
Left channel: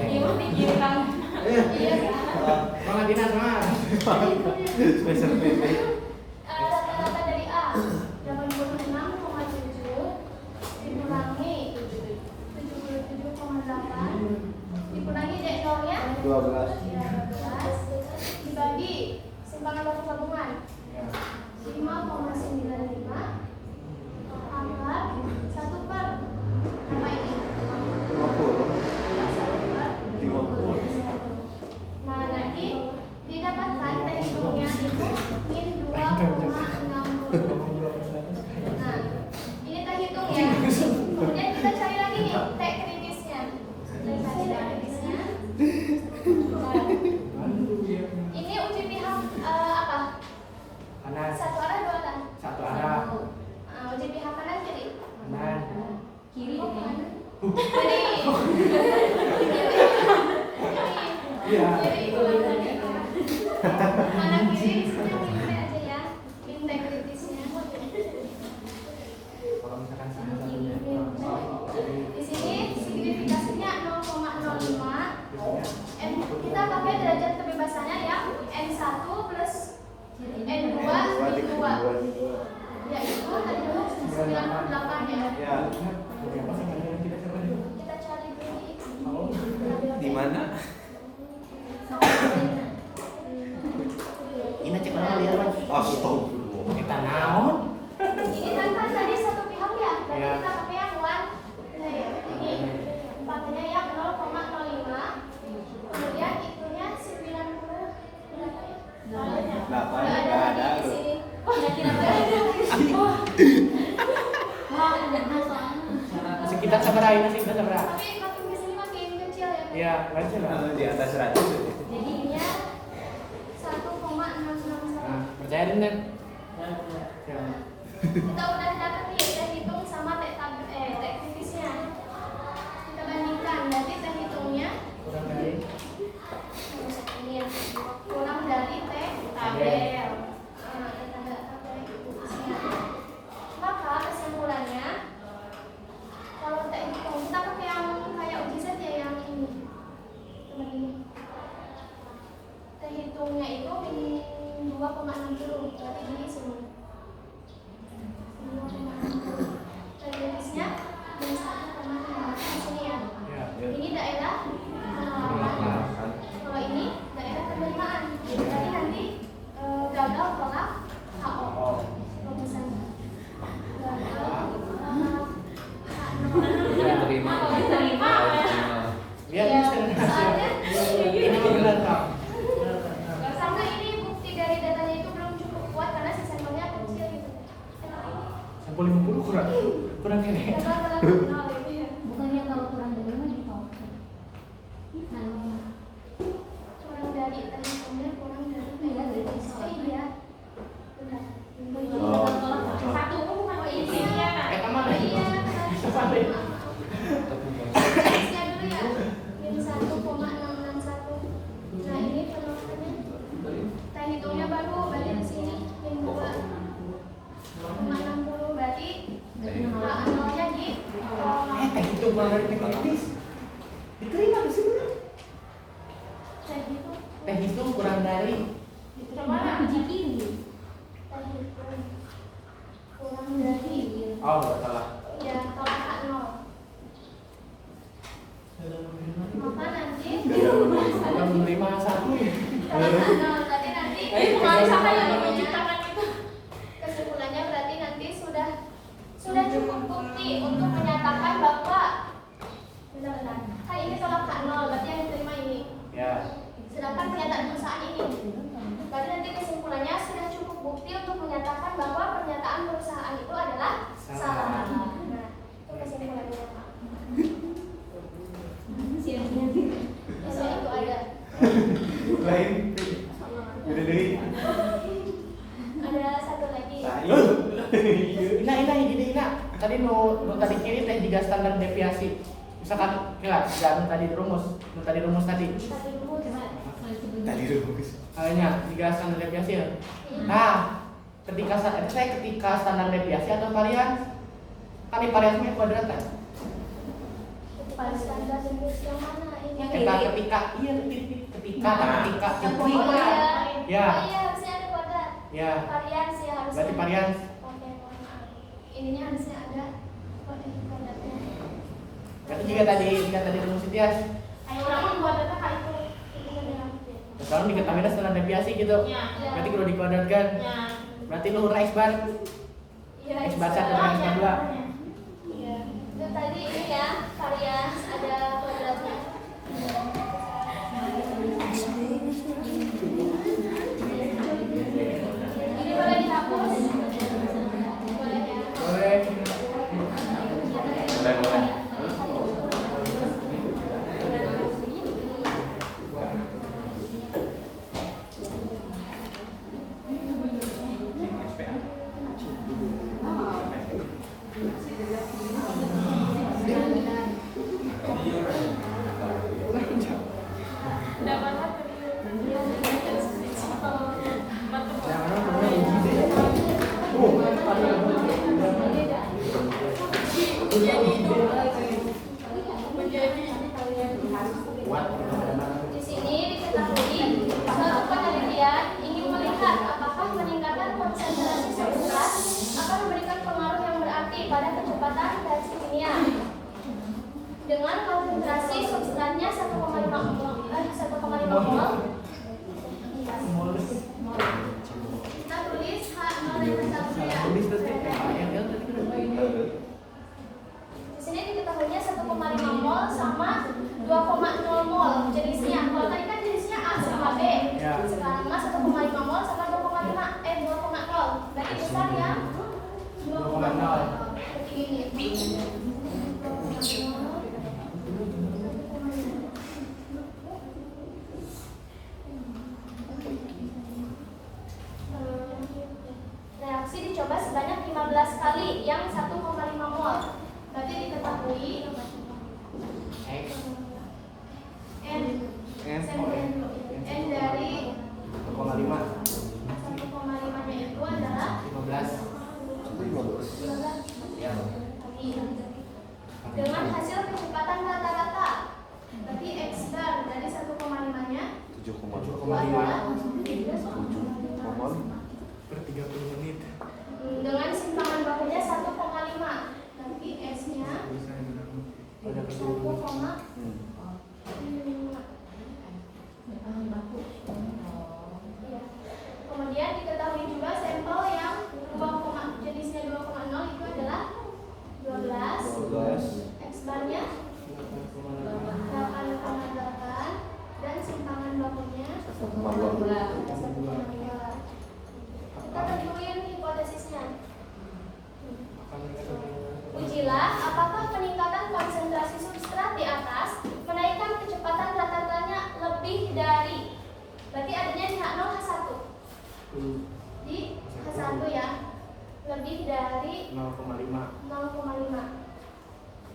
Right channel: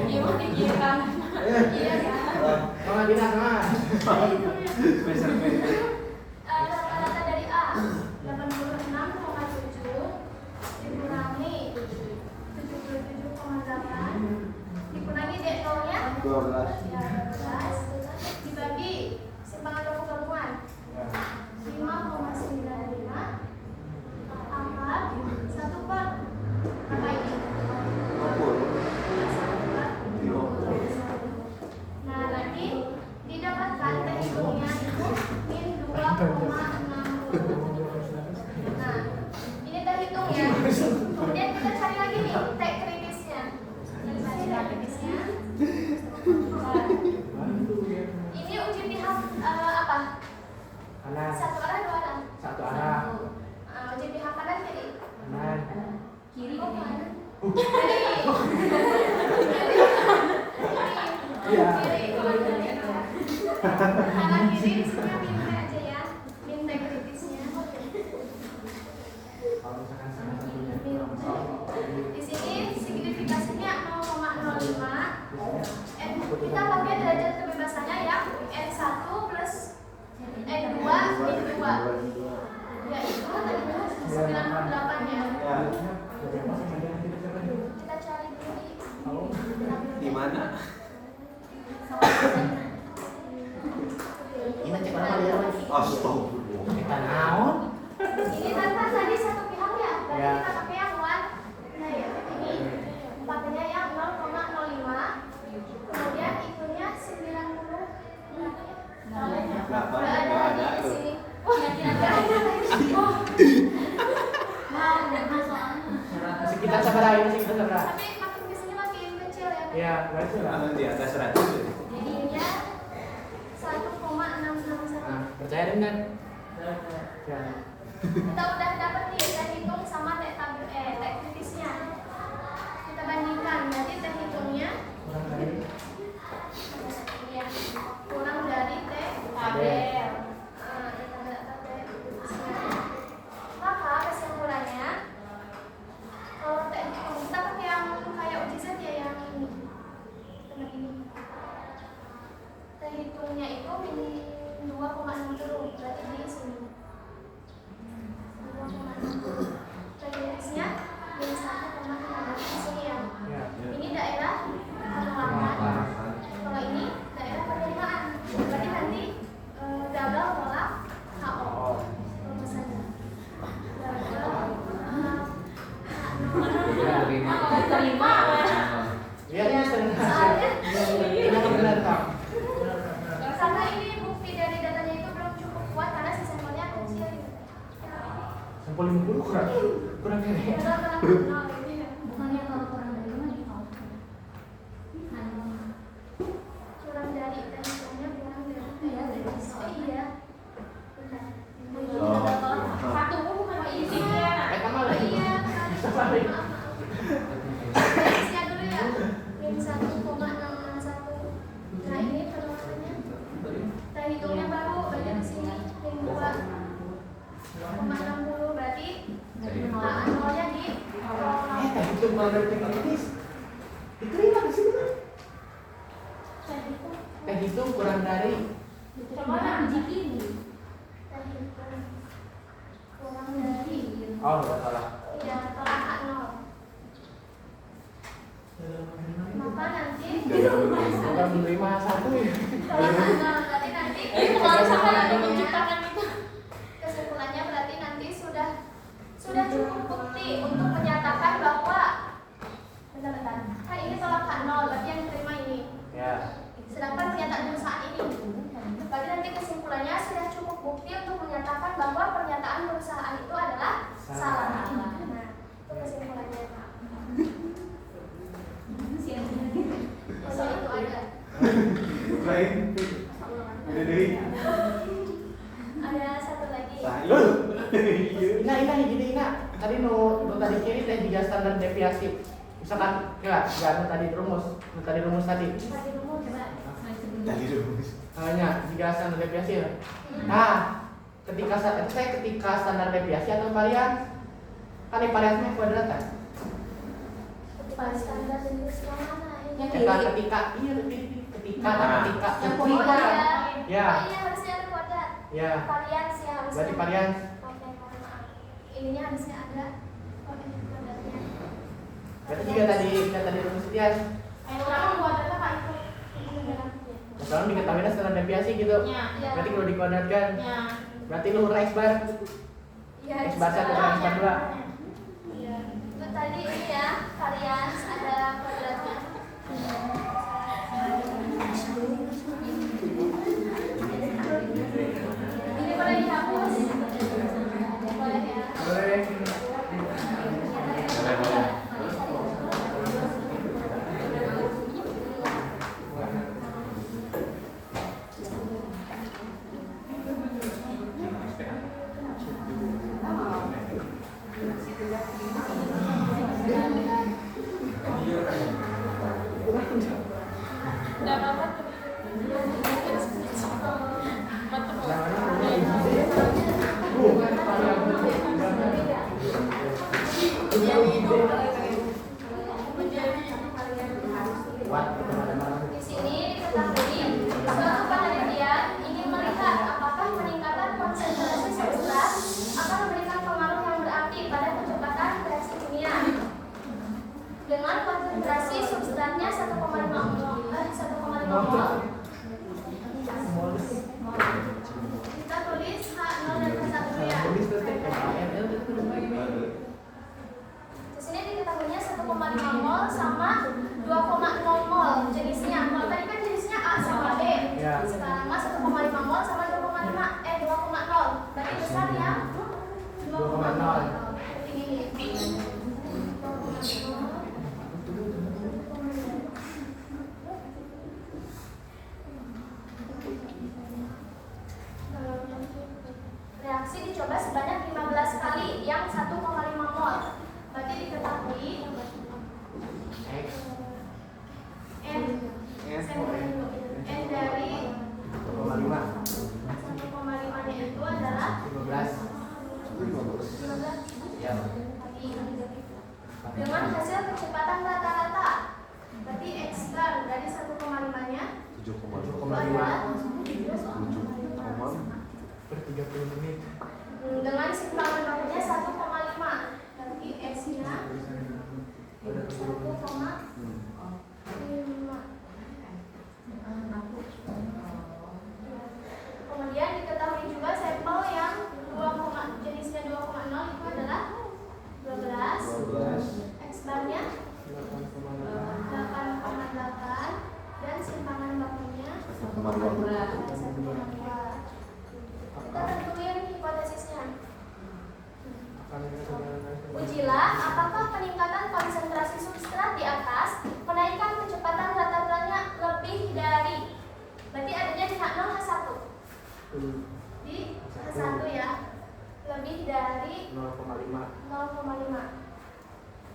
Ini mau dikira. Iya. Rata-rata dari A 86,7 dikurangi 77,8 12. dibagi simpangan gabungan 5,95 angka 1 per apa ini? 50. Nah, nanti didapatkan teh hitungnya itu min 2,60. Nah, ini teh hitung ya. Kemudian kita cari lagi nih teh kritisnya. Kita cari teh kritisnya. Nah, ini uji pihak apa? Kanan. Satu arah dua arah? Satu arah. Uji pihak kanan kiri? Kanan. Kiri Oh, ini. kanan. Kiri. Iya. Kanan kiri di sini yang aja ya. Bintang kritisnya. Kalau misalkan sana Di sini signifikasinya 0,05. Kita pakai derajat kebebasannya yang N1 plus N2 min 2. Yaitu tadi itu 98 ya. Ya. Kita cari dulu Di mana? ini cek mana dia Mas? Astagfirullah. Kita naon? Ini tanpa tadi satu pihak ya. Berarti Ya. kita pakai yang one. Nah, ya, ini pakainya yang 0,05. Kemudian itunya 90 berapa ya? Delapan, Nggak nggak ada. lagi di sini. Oh, tidak ada lagi. Oh. Masih kita seberapa ini sih seberapa? Tapi makin di sini makin kecil ya. Iya, berarti lah. Di atas 100. Jadinya 1,661. Nah, percaya dengan ya. Kita udah dapat nih teh hitung sama teh kritisnya. Kita bandingkan. Berarti teh hitungnya Kurang dari ini ya, kurang dari teh tabel. Maka kesimpulannya kalau teh hitung kita pakai yang kayak uji saja yang ini. Teman ini. Teh hitungnya itu min 2,60 berarti di sini. 2,60. Teh kritisnya min 1,5 di sini ya. ya. Ini daerah penelaran. Kalau ini daerah penerimaan. Berarti nanti gagal tolak HO. Rumusannya. Gagal Iya, terima. Terima. Dia Ya, bisa soalnya Ini mah benar kok. sama ini bukti dari datanya itu belum cukup kuat karena si sampelnya kecil gitu. Sampul 50 kurang ini. Gagal tolak HO gitu ya. Bukannya kalau kurang dari mana gitu? Kurang dari tadi hitungnya kurang dari Iya, dari oh iya. Benar. Satu bukan ini ya. Kamu Oh lagi. iya. Sampai. Tesnya dulu ya. Min 1,661. Nah ini penolakannya. Teh hitungnya baru balik ke sini. Min 2,60 berarti nolnya di Teh itu malah dari kritis. Diterima di sini. teh hitung. Teh itu kurang dari Coba uji kiri. Teh hitung kurang dari oh enggak salah. ya tolak H0. Maka nanti Akan menerima satu ya. tolak H0 berarti nanti Jadi bukan sama yang menciptakan itu. kesimpulannya berarti nanti sudah cukup bukti untuk menyatakan bahwa bentar-bentar. Kan ini tolak H0 berarti yang diterima ini. Ya. Sedangkan pernyataan perusahaan ini. Berarti nanti kesimpulannya sudah cukup bukti untuk menyatakan bahwa pernyataan perusahaan itu adalah salah. Nah, itu kesimpulannya. Masa itu ada. Lain. Udah deh. Ada satu lagi. Nah, itu. Ini tadi no tadi kiri teh juga standar deviasi. Misalkan kira tadi rumus tadi. Tadi rumus gimana? Dari rumus. Hanya jika standar deviasi ya. Nah, ketika standar deviasi atau varian kan di variannya kuadrat kan? Ketika standar deviasi yang mana ini? Ketika Yang Oh kuadrat. iya. Ya. Oh iya harusnya ada kuadrat. Ya. Varian sih harusnya. Berarti varian. Oke, ininya harusnya ada kuadratnya. Berarti jika tadi rumus itu ya. Ayo orang buat data kali itu. sekarang diketahui standar deviasi gitu. Ya. Berarti kalau dikuadratkan, Ya. berarti luhur X bar Ya, X bar 1 Oh, dan X bar 2. Iya. itu tadi ini ya, varians ada kuadratnya. Ini boleh dihapus? Boleh ya. Boleh. Udah banget. Di sini diketahui suatu penelitian ingin melihat apakah peningkatan konsentrasi substrat akan memberikan pengaruh yang berarti pada kecepatan reaksi kimia. Dengan konsentrasi substratnya 1,5 mol, kita tulis H0 dan H1 ya. Di sini diketahuinya 1,5 mol sama 2,0 mol jenisnya. Kalau tadi kan jenisnya A sama B. Ya. Sekarang mah 1,5 mol sama 2,0. Berarti besar ya? 2,0. Seperti ini. Reaksi dicoba sebanyak 15 kali yang 1,5 mol. Berarti diketahui N dari 1,5 nya itu adalah 15. 15 Ya. dengan hasil kecepatan rata-rata. Berarti X bar dari 1,5 nya itu adalah 7,5. Per 30 menit. Dengan simpangan bakunya 1,5. Berarti S nya 1,5. Kemudian diketahui juga sampel yang jenisnya 2,0 itu adalah 12. X barnya 8,8 dan simpangan bakunya 1,2. Kita tentuin hipotesisnya. Ujilah apakah peningkatan konsentrasi substrat di atas menaikkan kecepatan rata-ratanya lebih dari, berarti adanya di H0 H1. Di H1 ya, lebih dari 0,5.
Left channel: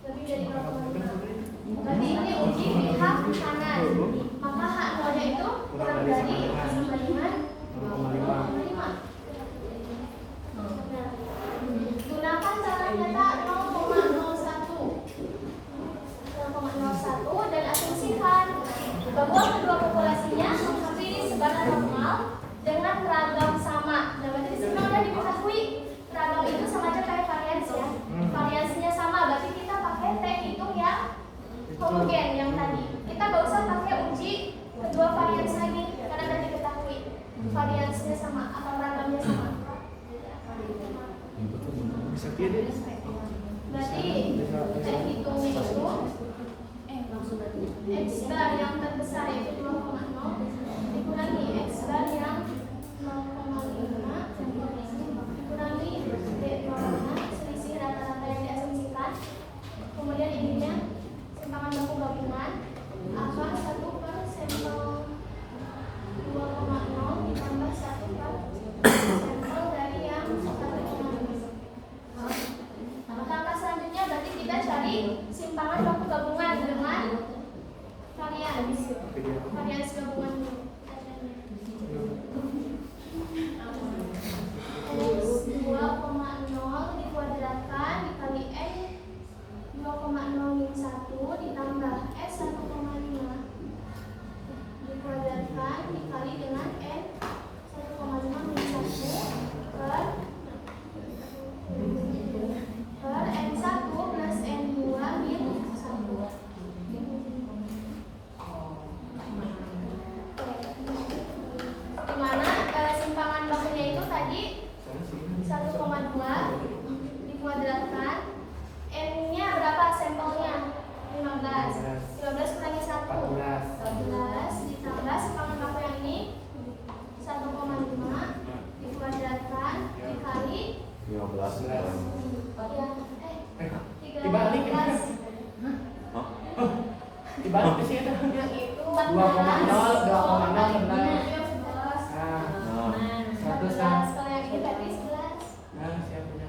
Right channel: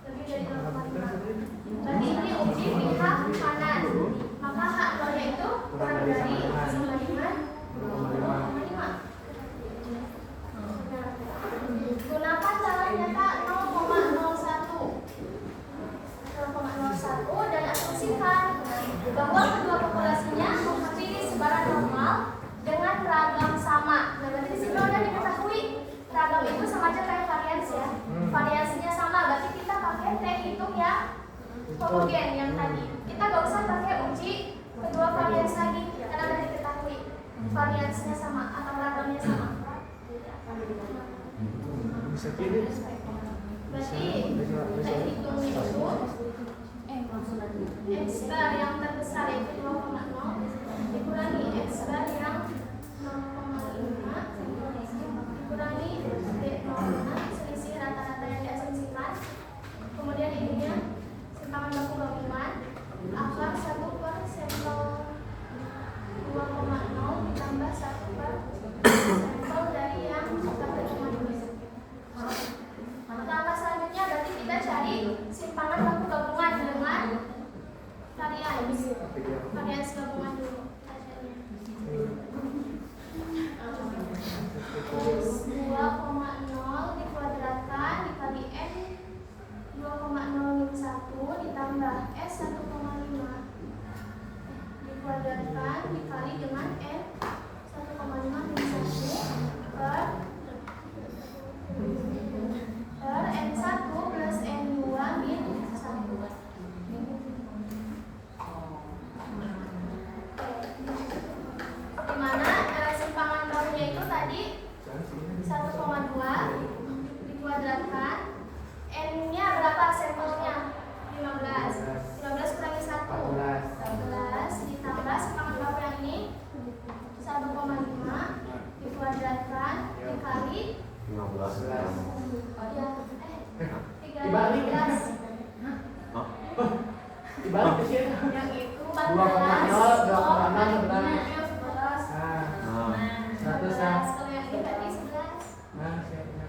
Lebih dari 0,5. Berarti ini uji pihak kanan. Maka H0 nya itu kurang dari sama dengan 0,5. Gunakan cara menyetak 0,01 dan asumsikan bahwa kedua populasinya menghampiri sebaran normal dengan ragam sama. Nah, berarti di sini udah diketahui ragam itu sama aja kayak varians ya. Variasinya sama, berarti kita pakai T hitung ya homogen yang tadi. Kita gak usah pakai uji kedua varians lagi karena udah diketahui variansnya sama atau ragamnya sama. Bisa pilih. Berarti kita hitung itu X bar yang terbesar itu 2,0 dikurangi X bar yang 0,5 dikurangi D0 selisih rata-rata yang diasumsikan. Kemudian ininya simpangan baku gabungan akan 1 per sampel 2,0 ditambah 1 per sampel dari yang 1,5. Langkah selanjutnya berarti kita cari simpangan baku gabungan dengan varians. Dibalik ke sini. Yang itu 14. 2,0, 2,0, Oh, 11. itu yang 11. Nah, Nah, 100 Kalau yang ini berarti 11. Nah, saya punya.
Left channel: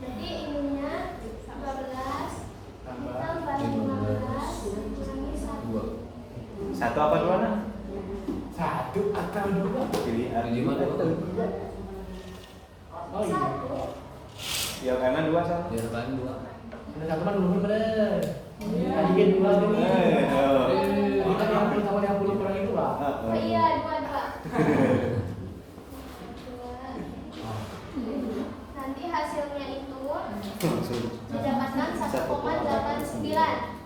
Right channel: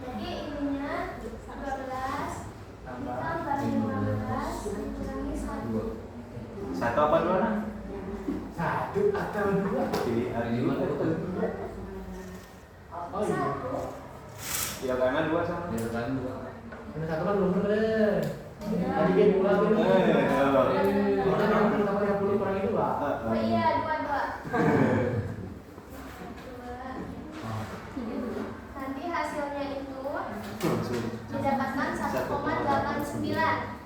Jadi ininya 12 Tambah. ditambah 15 dikurangi 1. satu apa dua nah? 1 atau 2? Jadi hari 5 tuh. Oh iya. Ya kanan dua sama. Di depan 2. Ada satu kan belum bener. Tadi kan 2 tuh. Kita yang pertama yang 10 kurang itu lah. Oh iya, 22. Nanti hasilnya itu didapatkan 1,89.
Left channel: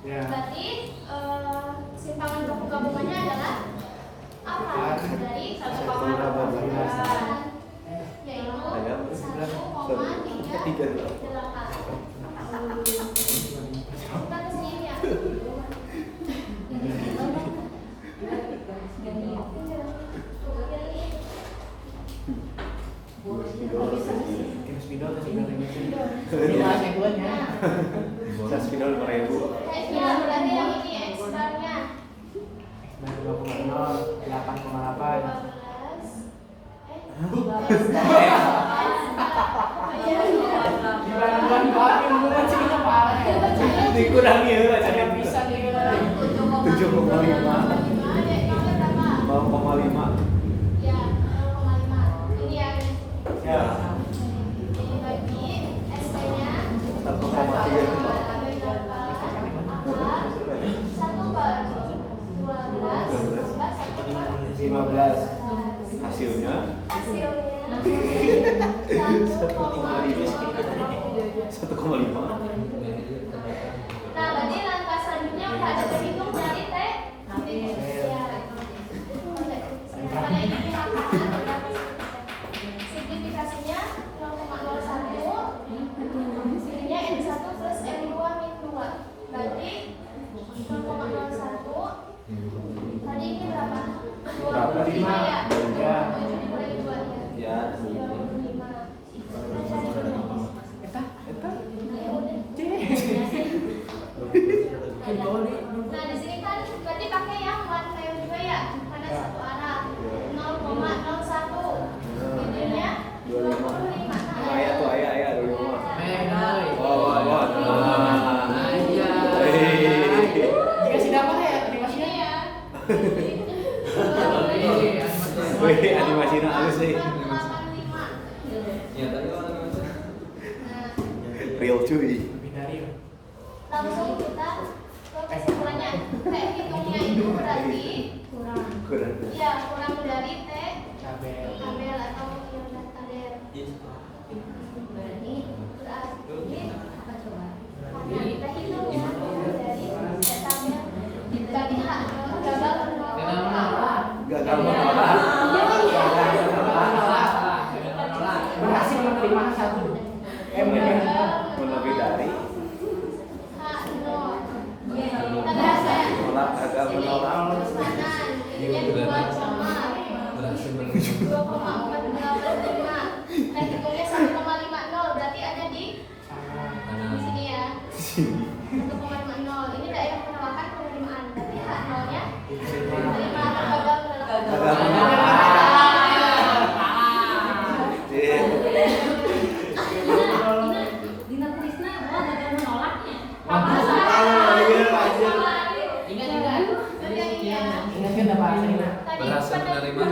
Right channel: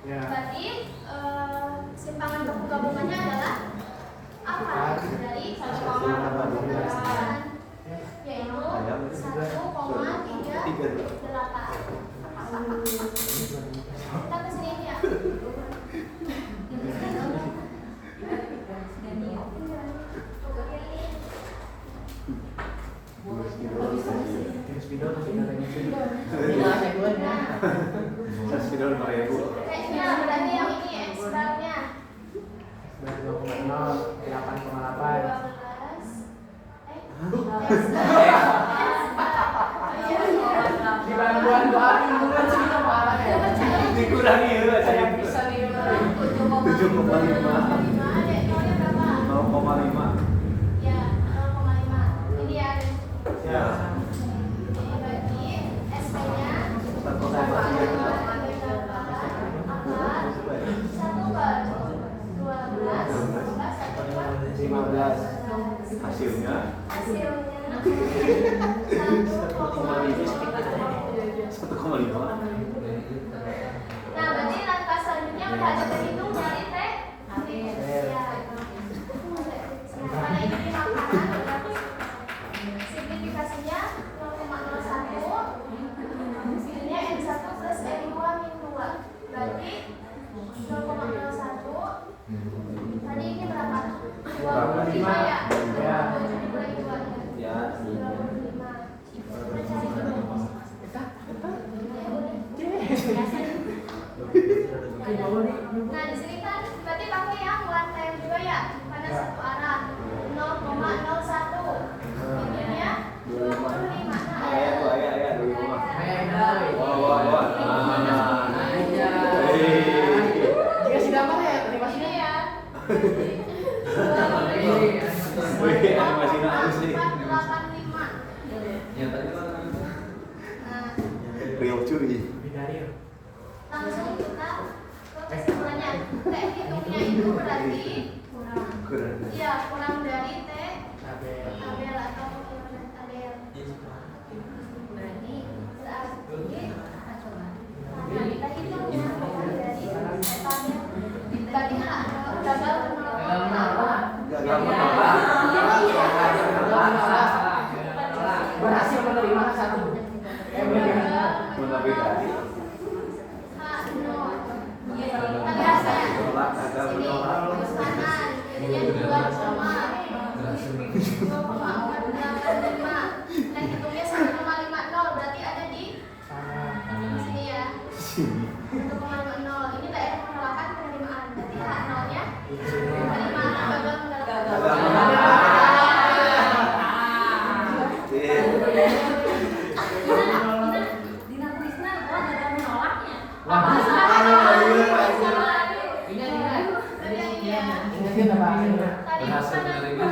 Ya. Berarti simpangan gabungannya adalah apa? Dari 1,89 yaitu 1,38. Kita kesini ya. Game speedo atau speedo remisi? Iya, saya buat ya. Saya sekitar 5.000. Berarti yang ini ekstranya 2,0, 8,8. 12. Dibantuan doain bukan sih apa? Dikurangi ya lah Saya jadi bisa nih. 7,5. 0,5. Ya, 0,5. Ini ya. Ya. Dibagi SP-nya 15. Hasilnya 1,5. Nah, berarti langkah selanjutnya udah ada terhitung dari T. Ya. Karena ini di makanan, simplifikasinya 0,01. Sininya M1 plus M2 min 2. Berarti 0,01. Tadi ini berapa? 25 ya? 27 dikurangi 2 ya? Ya. 25. Kita cari dulu. Nah, di sini kan berarti pakai yang one time juga ya, pada satu arah 0,01. Intinya 25. Nah, Ayah tuh ayah di rumah. Dikasih nama ya, animasinya ini ya. Animasinya halus nih. 485. Nyatanya mana? Nah, Real cuy. langsung kita ke kesimpulannya. T hitungnya itu berarti Kurang. ya kurang dari T Tabel. tabel atau kilometer tabel. Berarti karena kita hitung ya dari T tabel. Berarti hak gagal menolak. Gagal menolak. Berhasil menerima satu. Lebih dari Hak nol. Tapi hasilnya menolak gagal menolak. kanan ininya 2 sama Berhasil 2,485. Nah hitungnya 1,50 berarti ada di sini ya. 1,50. Ini daerah penolakan penerimaan. Berarti hak nolnya terima atau gagal menolak. Gagal menolak. Ingatin apa? Tadi Berhasil menerima.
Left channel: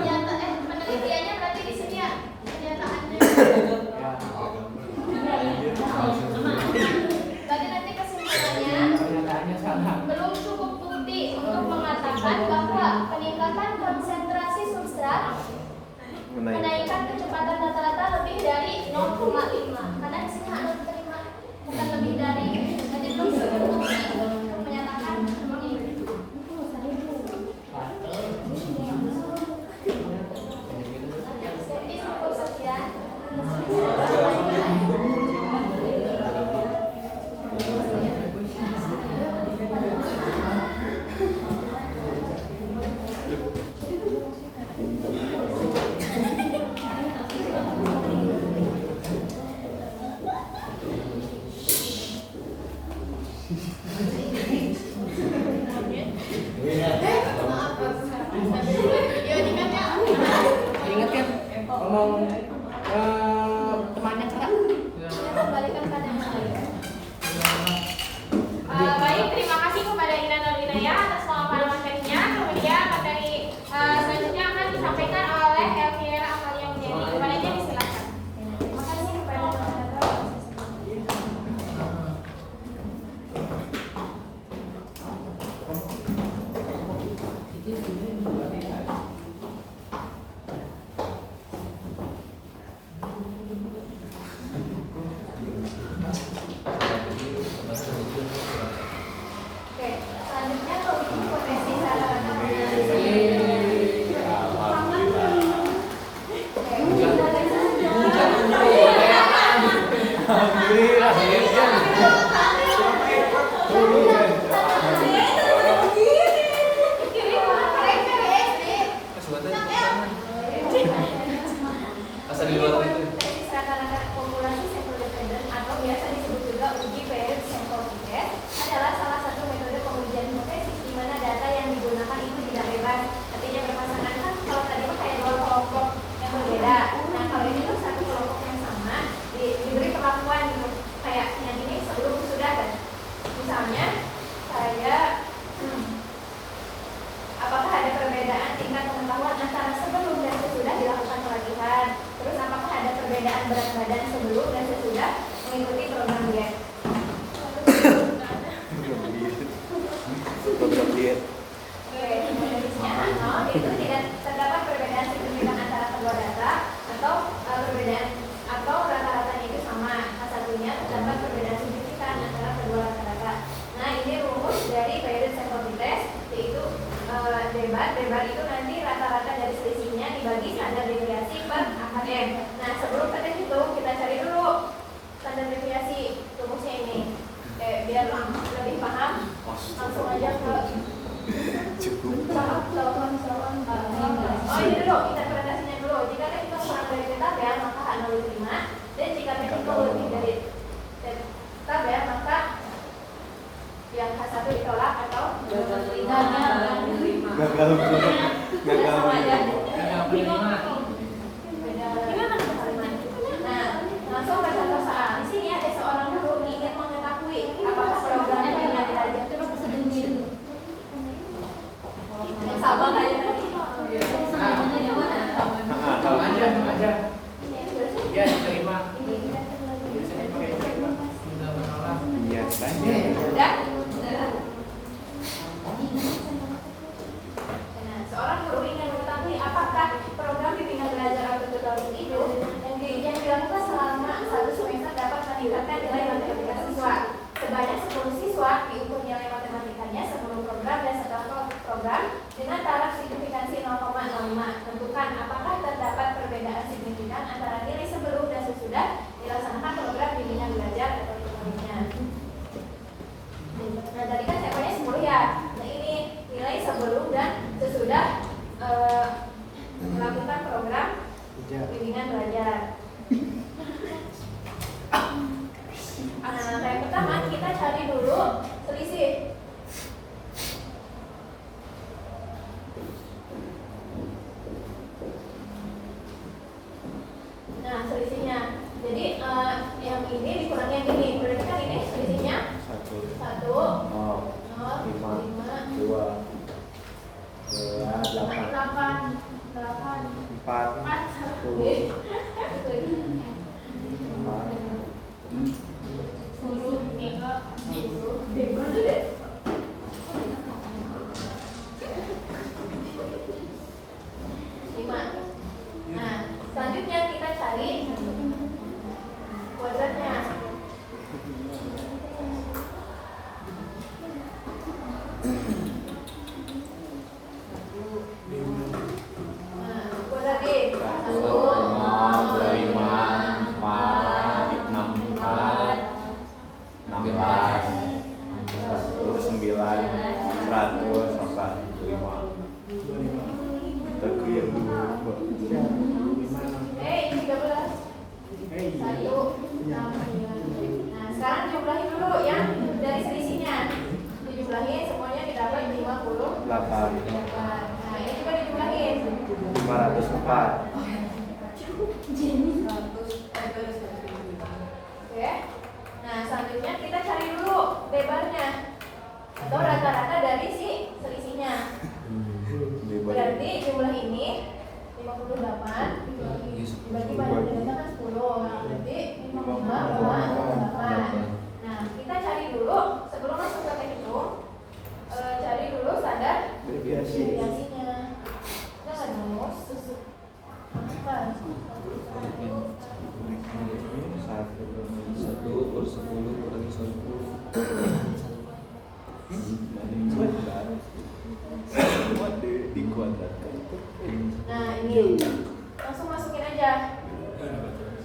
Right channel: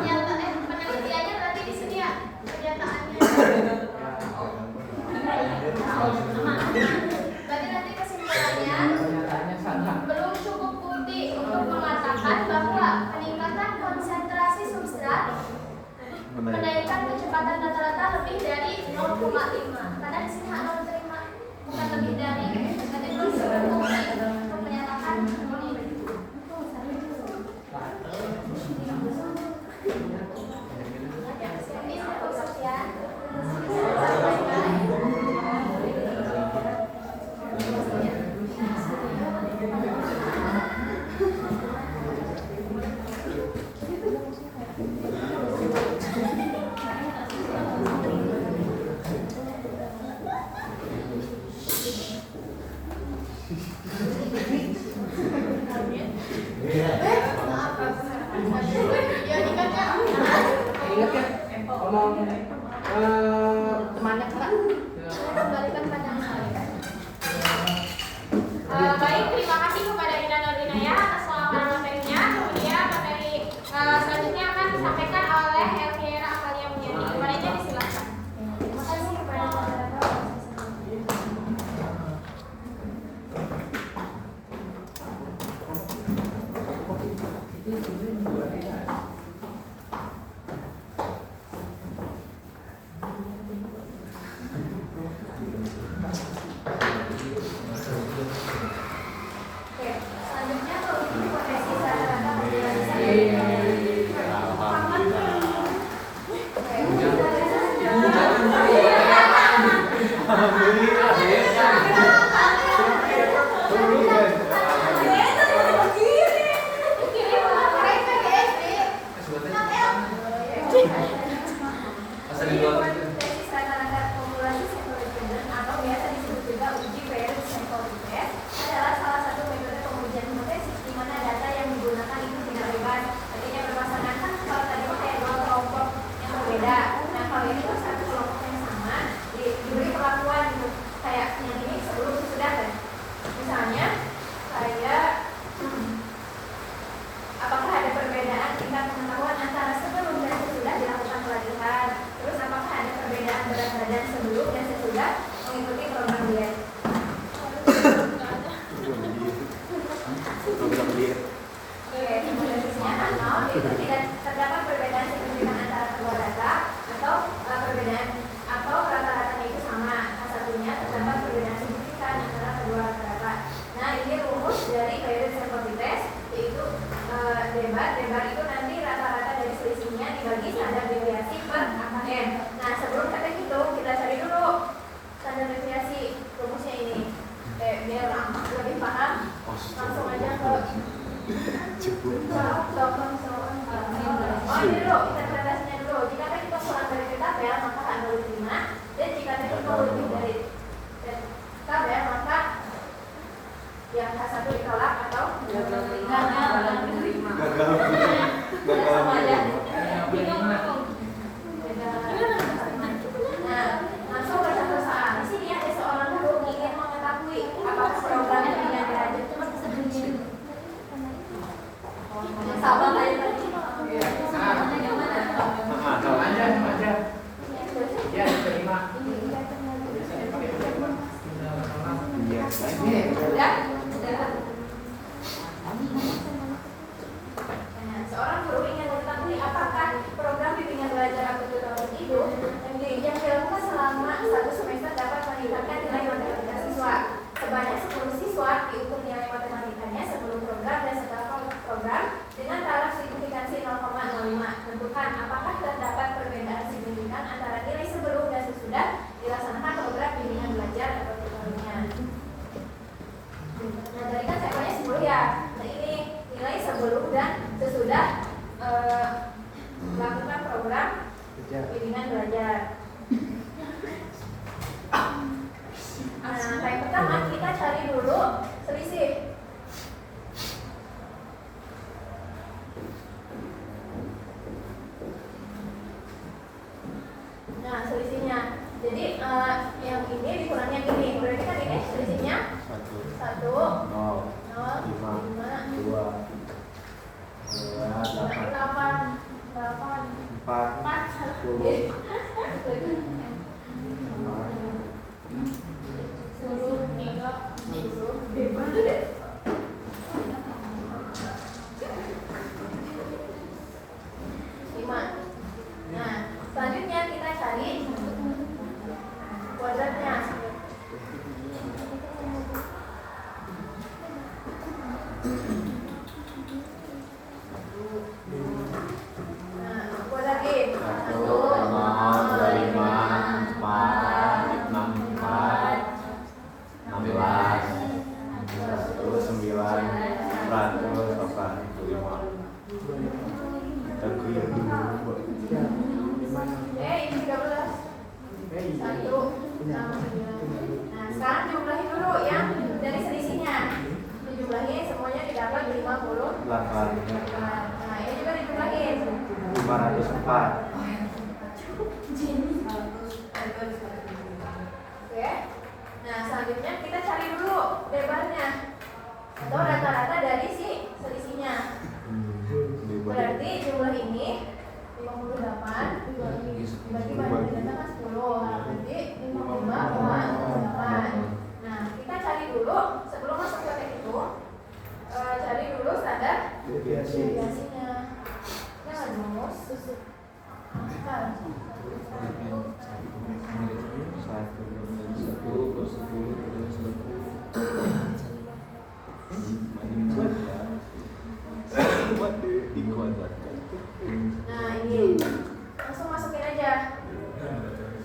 penelitiannya berarti di sini ya pernyataannya. Berarti nanti kesimpulannya Pernyataannya salah. belum cukup bukti untuk mengatakan bahwa peningkatan konsentrasi substrat menaikkan kecepatan rata-rata lebih dari 0,5. Karena di sini hak terima bukan lebih dari. Berarti belum cukup bukti untuk menyatakan seperti itu. Jadi cukup sekian. Karolina ya atas pemaparan materinya. Kemudian materi selanjutnya akan disampaikan oleh Elvira Amalia Mulyani. Baiknya disilakan. Terima kasih kepada moderator. Oke, selanjutnya produksi potensi rata-rata Asal di luar itu. Potensi rata-rata populasi sampel dependent atau biasa disebut juga uji variance sample test adalah salah satu metode pengujian hipotesis di mana data yang digunakan itu tidak bebas. Artinya berpasangan kan kalau tadi mah kayak dua kelompok yang berbeda. Nah kalau ini tuh satu kelompok yang sama diberi perlakuan gitu. Kayak yang ini sebelum sudah kan. Misalnya saya apakah ada perbedaan tingkat pengetahuan antara sebelum dan sesudah dilakukan pelatihan? Terus apakah ada perbedaan berat badan sebelum dan sesudah mengikuti program diet? Belum lihat. Oke, definisinya atau itu tidak terdapat perbedaan signifikan antara kedua data atau perbedaan atau rata-ratanya itu sama. Satunya terdapat perbedaan signifikan antara kedua rata-rata. Nah, ini rumus dari variance sample test yaitu debat itu nanti rata-rata dari selisihnya dibagi standar deviasi per AKM. Nah sebelum kita hitung kita cari dulu standar deviasi rumusnya ini. Biar lebih paham langsung aja ke oh ini dulu interpretasinya dulu. Jika kita kurang dari tabel maka H05 dan jika kita lebih dari tabel maka yang H1 ditolak atau Gagal. sama aja. Beda. Nah, langsung ke contoh soal. Di sini ada seorang guru ingin mengetahui apakah program bimbingan belajar. Coba sebentar. Yang Sabang aja tadi. Yang mana? Kalau aja. Ya, diterima. Iya, Udah? Udah. Nah, seorang guru ingin mengetahui apakah program bimbingan belajar atau tutoring itu yang dilakukan selama 1 semester dapat meningkatkan nilai matematika siswa. Sebanyak 10 siswa diukur nilai matematikanya sebelum program dan setelah program dengan taraf signifikansi 0,05. Tentukan apakah terdapat perbedaan signifikan antara nilai sebelum dan sesudah dilaksanakan program bimbingan belajar atau tutoringnya. Nah, tadi kan sampelnya 10 ya. Nah, ini nilai sebelum dan sesudah melakukan program bimbingan belajar. Nah, yang pertama kita cari dulu selisih. Nah, selisihnya. Jadi yang ini dikurangi yang ini. Berarti kan ini selisihnya 1, 0, 5, 2, 8, 4, 10. Nah, selanjutnya kita cari kuadratnya. Nah, kuadrat D 1, 0, 5, 4, 6, 4, 16, 1, 6, 9. Nah, sekarang jumlahin dulu yang dari selisihnya. Dijumlahin semuanya didapat 58. Nah, ini juga dijumlahin. 504. Oke. Nah, selanjutnya kita cari dulu lebarnya atau rata-rata dari si 58 dibagi pada data kan 10, berarti 55,8. Nah, kita cari dulu sebelum masuk ke itu, cari dulu standar deviasinya. Nah, rumus angka 1 Nah, ini langsung masukin aja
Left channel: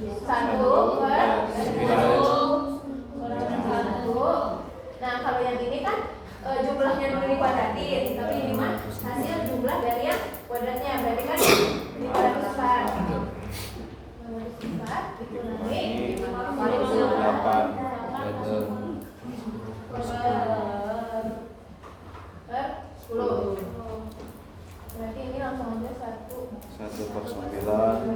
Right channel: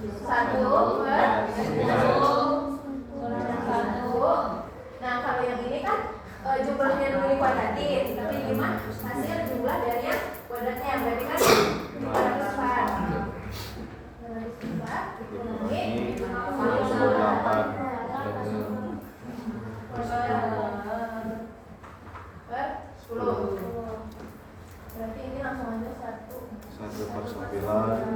1/1. Nah, kalau yang ini kan jumlahnya dulu dikuadratin, tapi ini mah hasil jumlah dari yang kuadratnya, berarti kan 504. 504 dikurangi 58 per 10. Berarti ini langsung aja 1/9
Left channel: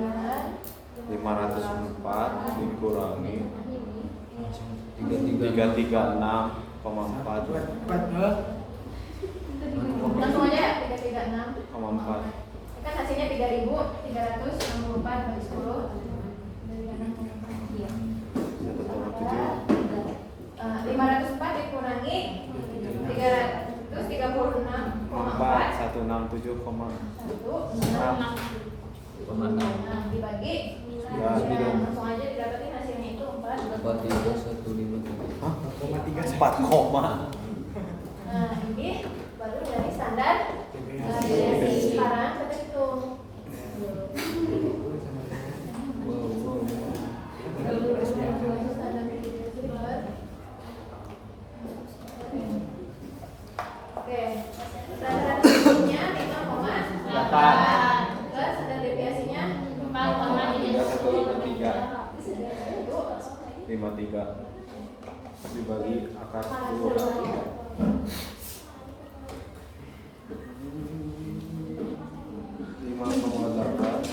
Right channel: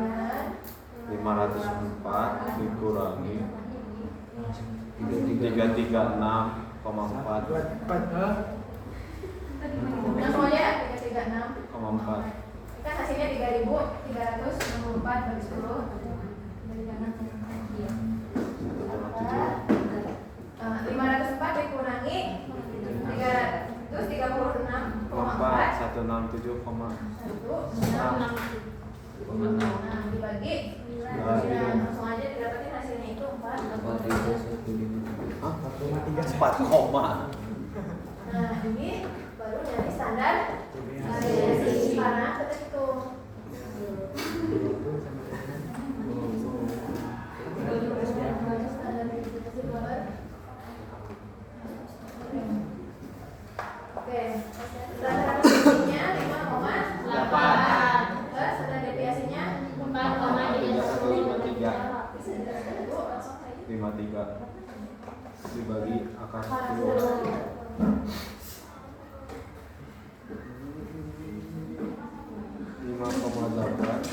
504 dikurangi 336,4 langsung aja 336. 4 Kan hasilnya 3.364 bagi 10. 504 dikurangi 336,4 167,6 dibagi 9. Langsung aja didapatin hasilnya itu 4. 4 koma. Nah, ini baru dari standar deviasi. Sekarang kita hitung. Standar deviasi berapa? Oke, standar deviasinya 5,8 plus standar deviasinya 53 dibagi akar 10 5,8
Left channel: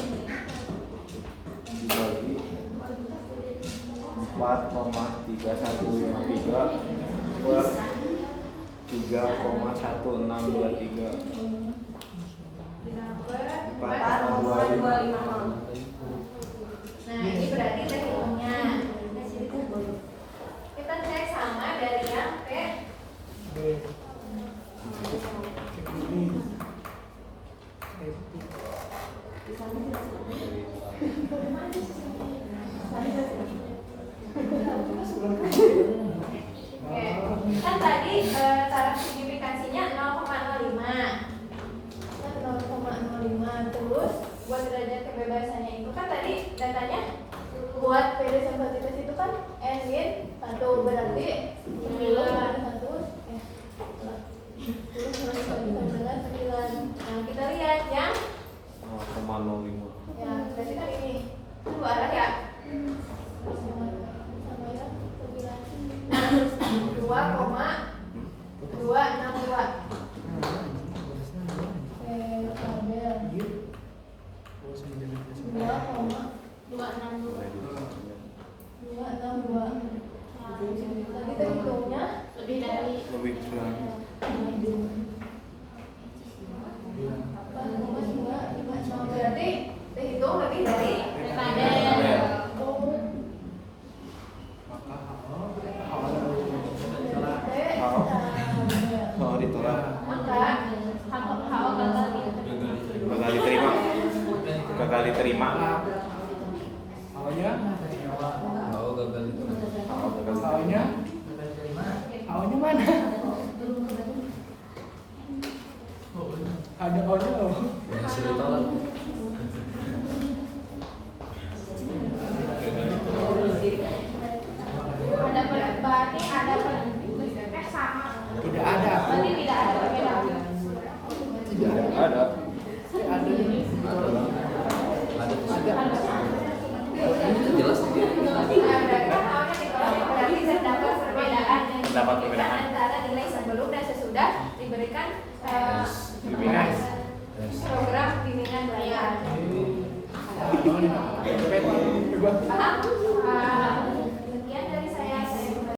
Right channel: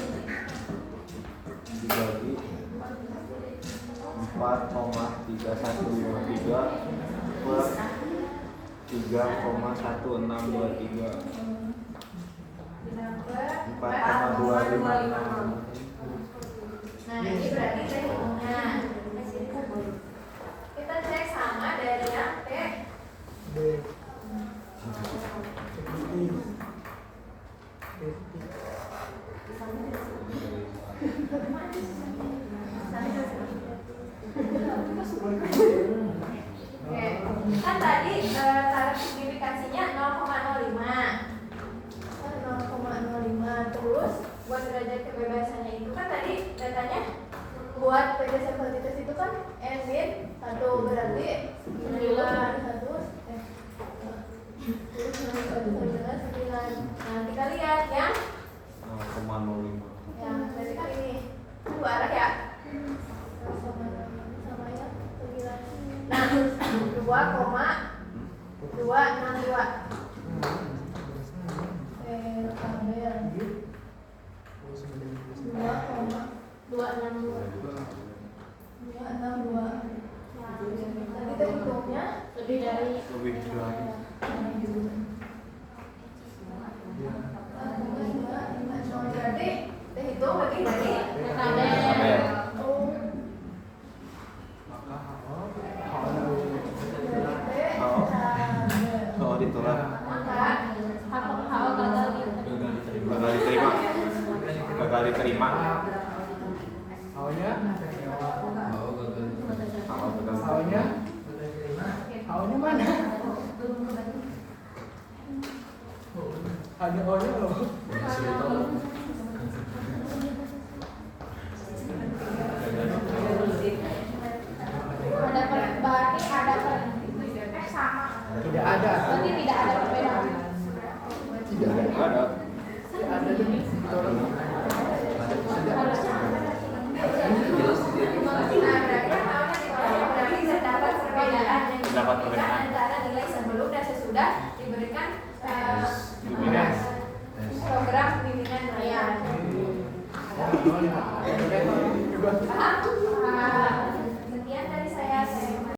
dibagi 4,3153 per 3,1623 4,25. Nah, ini berarti hitungnya. Kita cek sama dari yang P. Oke, kan tadi taraf signifikansinya 0,05. 0,05. Terus buat derajat kebebasannya itu kan tadi datanya buat PD sampel titis itu kan N-min 1, berarti 9. Nah, kita lihat ya. 0,05. Ya, berarti kan ini dua arah ya. Sama ya, 9. Nah, 2,262. Tabel 2,262. Tadi terhitungnya lebih dari berarti terhitung lebih dari tabel. Kalau ditolak Maka gagal diterima. Awalnya mana? Ada awalnya loh. berarti ada sama. Tidak ada. Berarti tidak ada perbedaan. Tidak ada. Jelas dia. Berarti kan awalnya dikelola berarti terdapat perbedaan yang Terdapat signifikan perbedaan. antara nilai sebelum dan sesudah diberikan Bimbingan. program bimbingan raya. Paham?